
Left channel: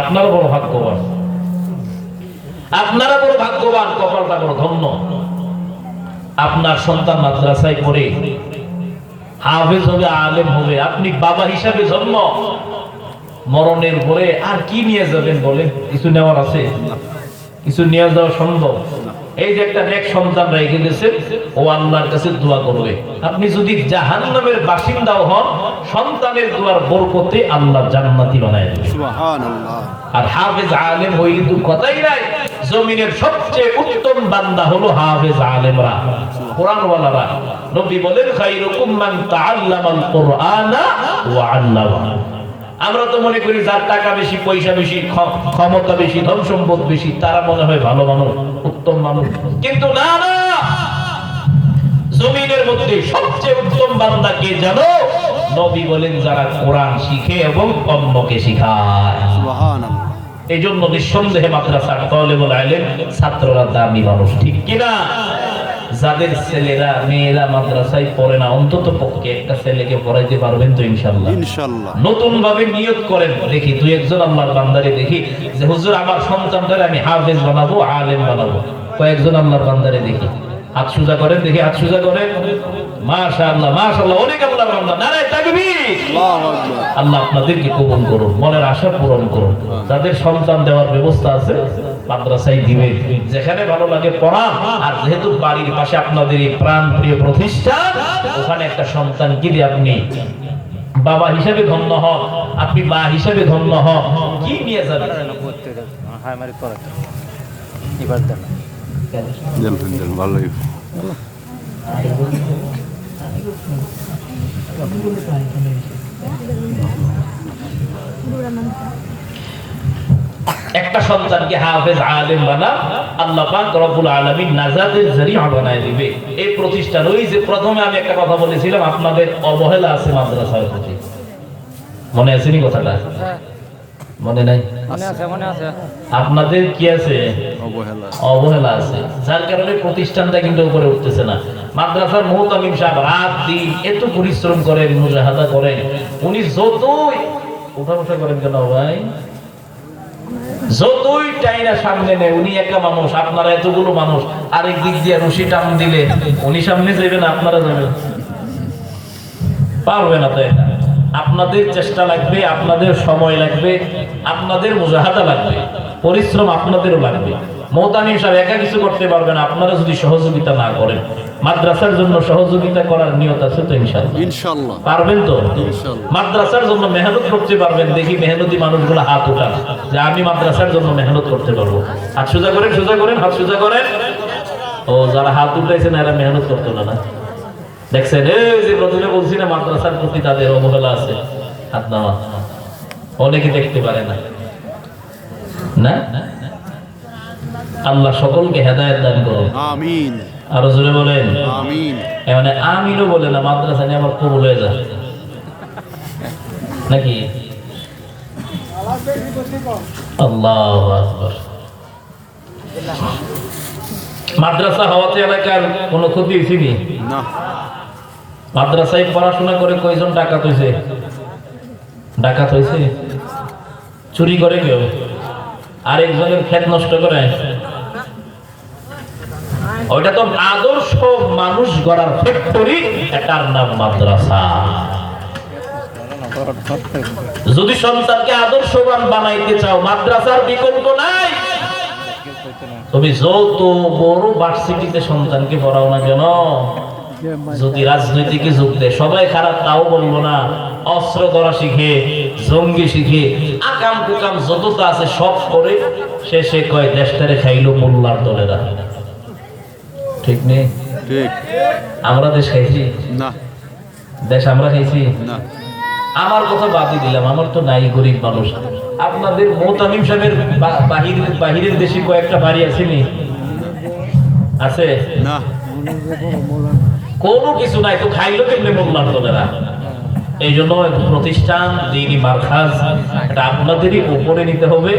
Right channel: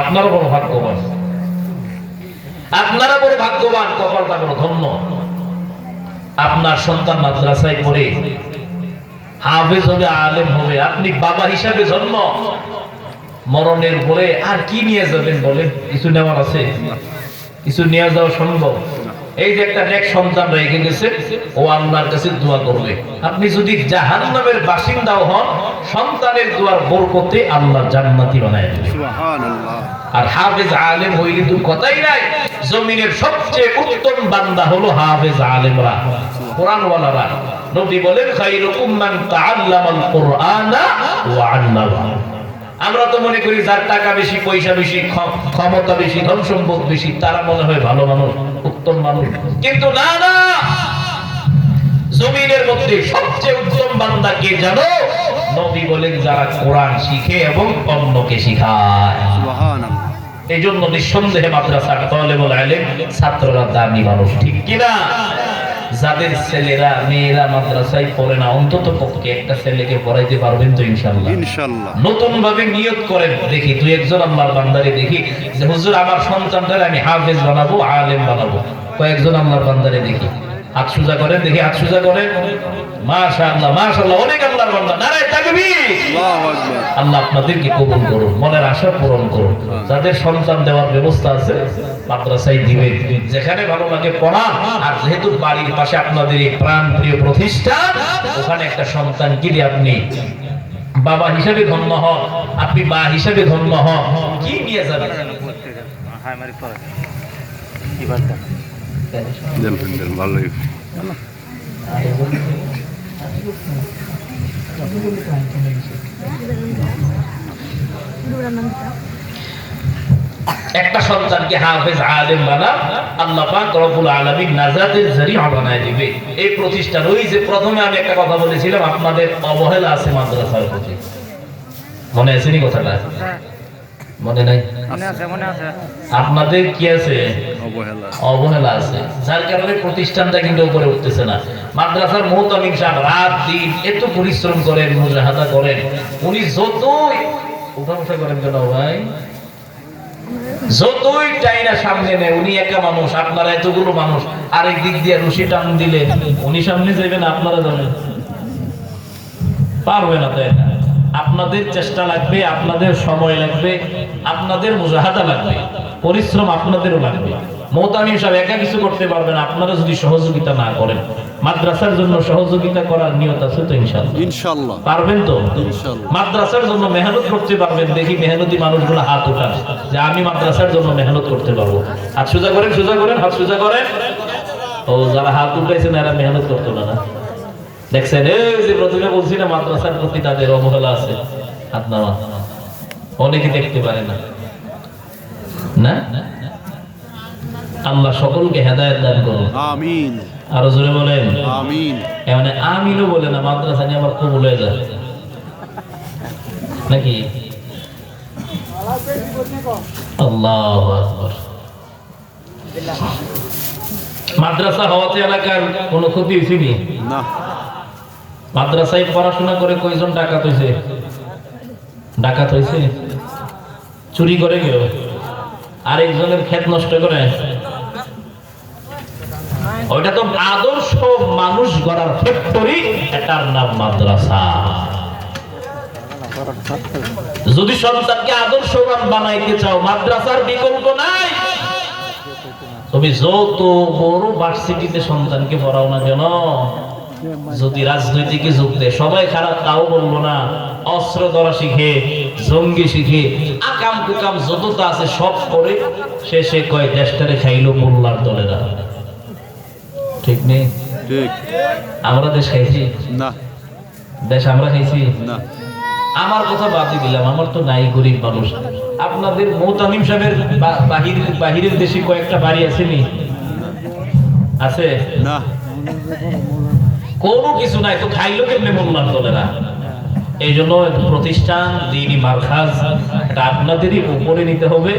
আপনারা বড় ভাগ্যবান, আপনারা বড় ভাগ্যবান, কপালটা বড় ধন্য। আপনার সন্তান মাদ্রাসায় পড়ে হাফেজ হবে, আলেম হবে। আপনি বাবা হিসাবে জন্ম, মরণের পরে আর কি নিয়ে যাবেন বলেন? কিছু নেওয়ার আছে? কিছু নিয়ে যাওয়া সম্ভব? এই যে একটা নেক সন্তান রেখে গেছে, ও আল্লাহর কাছে দোয়া করবে। আপনি যদি জাহান্নামের বাসিন্দাও হন, সন্তানের দোয়ার বরকতে আল্লাহ জান্নাতি বানায় দেবে। সুবহানাল্লাহ। আর হাফেজ আলেম হইলে তো কথাই নাই। জমিনের সবচেয়ে উত্তম বান্দা হলো হাফেজ আলেমরা, কোরআনওয়ালারা। নবী বলেন, খায়রুকুম মান তাআল্লামাল কুরআনা ওয়া আল্লামাহু। আমরা তো মনে করি যার টাকা বেশি, পয়সা বেশি, ক্ষমতা বেশি, ধন সম্পদ বেশি, তারা মনে হয় ভালো মানুষ, উত্তম মানুষ। কিন্তু না না, জমিনের মধ্যে সবচেয়ে উত্তম বান্দা কে জানো? নবী বলেন যারা কোরআন শিখে এবং অন্যকে শিখায়। সুবহানাল্লাহ। এই জন্য নিঃসন্দেহে মাদ্রাসার তালেবুল ইলম ছাত্ররা দামি মানুষ, ঠিক কিনা? যাদের ছেলেরা মেয়েরা মাদ্রাসায় পড়ে না, অন্তত পক্ষে একটা ছেলেকে পড়াইতে পারবেন তো ইনশাআল্লাহ? ইনশাআল্লাহ। নতুন ভাবে নিয়ত করেন, দেখি দুই একজন আল্লাহর বান্দারে দেখি যে হুজুর আমার সন্তানটাকে আমি হাফেজ বানাবো, আলেম বানাবো। কয়েকজন আল্লাহর বান্দারে দেখি, হাত সোজা করেন, দেখি হাত সোজা করেন। মাশাআল্লাহ, মাশাআল্লাহ, অনেক আল্লাহর বান্দা। নারায়ে তাকবীর, আল্লাহু আকবার। আল্লাহ আপনাদেরকে কবুল করুন, মনের আশা পূরণ করুন। যাদের সন্তান দেওয়ার ব্যবস্থা আছে মাদ্রাসায় দিবেন, যেখানে ভালো লাগে পড়ান। আর যেহেতু বাড়ির পাশে আপনাদের এই প্রাণপ্রিয় প্রতিষ্ঠান, ওখানে একটা সন্তান দিলে আপনি বাবা হিসেবে ধন্য হন, আপনি মা হিসেবে ধন্য হন। কি নিয়ে যাবেন? ভালোই একটা সন্তানকে হাফেজ আলেম বানা, আল্লাহ পাক রব্বুল আলামিন নাজাতের জরিয়া বানায় দিবে। এই প্রতিষ্ঠান, ওই যে প্রথমে আমি একটা কথা বলেছিলাম, আপনাদের অবহেলা আছে মাদ্রাসার প্রতি, মনে আছে নি কথাটা? মনে নাই? আপনাদের কি আছে? অবহেলা আছে, যার কারণে প্রতিষ্ঠানটা কিন্তু উপরে উঠতেছে না। মাদ্রাসার মুহতামিম সাহেব রাত দিন এত পরিশ্রম করেন, মুজাহাদা করেন, উনি যতই উঠা বসা করেন কেন ভাই, যতই টাইনা সামনে নেয়, উনি একা মানুষ, আপনারা এতগুলো মানুষ, আরেক দিক দিয়ে রশি টান দিলে উনি সামনে যাবেন, আপনারা যাবেন, পারবে না। তাই আপনাদের চেষ্টা লাগবে, আপনাদের সময় লাগবে, আপনাদের মুজাহাদা লাগবে, পরিশ্রম আপনাদেরও লাগবে। মুহতামিম সাহেব একা কিছু করতে পারবে না, আপনারা যদি সহযোগিতা না করেন। মাদ্রাসার জন্য সহযোগিতা করার নিয়ত আছে তো? ইনশাআল্লাহ পারবেন তো? মাদ্রাসার জন্য মেহনত করতে পারবেন? দেখি মেহনতি মানুষগুলো হাত উঠান যে আমি মাদ্রাসার জন্য মেহনত করতে পারবো। হাত সোজা করেন, সোজা করেন, হাত সোজা করেন। ও যারা হাত উঠাইছেন এরা মেহনত করতো না, না দেখছেন? এই যে প্রথমে বলছি না, মাদ্রাসার প্রতি তাদের অবহেলা আছে, হাত নামা। অনেকে দেখতে পারে না, না? আল্লাহ সকলকে হেদায়েত দান করুন, আমিন। আরো জোরে বলেন আমিন। মানে আমিনও বলে না, মাদ্রাসা নিয়ে আমার কবুল হয়ে যায় নাকি? আল্লাহু আকবার। মাদ্রাসা হওয়াতে এলাকার কোনো ক্ষতি হয়েছে না? মাদ্রাসায় পড়াশোনা করে কয়জন ডাকাত হয়েছে? ডাকাত হয়েছে? চুরি করে কেউ? আরেকজনের ক্ষেত নষ্ট করে? ওইটা তো আদর্শ মানুষ গড়ার ফ্যাক্টরি, এটার নাম মাদ্রাসা। যদি সন্তানকে আদর্শবান বানাইতে চাও, মাদ্রাসার বিকল্প নাই। তুমি যত বড় ভার্সিটিতে সন্তানকে পড়াও না কেন, যদি রাজনৈতিকে যোগ দেয়, সবাই খারাপ তাও বলবো না, অস্ত্র ধরা শিখে, জঙ্গি শিখে, আকাম কুকাম যতটা আছে সব করে শেষে কয় দেশটারে খাইলো মোল্লার দলেরা। ঠিক নেই? ঠিক। আমরা দেশ খাইছি না? দেশ আমরা খাইছি না? আমার কথা বাদই দিলাম, আমার তো নাই, গরিব মানুষ। আপনাদের মুহতামিম সাহেবের বাহিরের দেশে কয়েকটা বাড়ি আছে নি? আছে না? কোনো কিছু নাই তো খাইলো কেমনে মোল্লার দলেরা? এই জন্য প্রতিষ্ঠান দ্বীনি মারকাজ এটা আপনাদেরই উপরে নিতে হবে,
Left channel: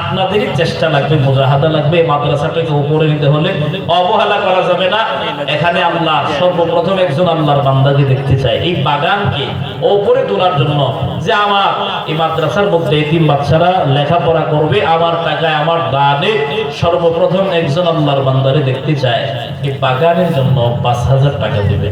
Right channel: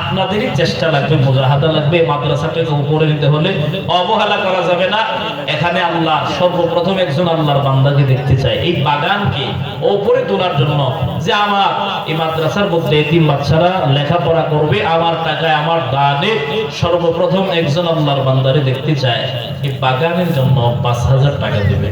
আপনাদেরই চেষ্টা লাগবে, মুজাহাদা লাগবে। মাদ্রাসাটাকে উপরে নিতে হলে অবহেলা করা যাবে না। এখানে আল্লাহ সর্বপ্রথম একজন আল্লাহর বান্দাকে দেখতে চায়, এই বাগানকে উপরে তোলার জন্য, যে আমার এই মাদ্রাসার মধ্যে এতিম বাচ্চারা লেখাপড়া করবে, আমার টাকায়, আমার দানে সর্বপ্রথম একজন আল্লাহর বান্দারে দেখতে চায়। এই বাগানের জন্য ৫,০০০ টাকা দেবে।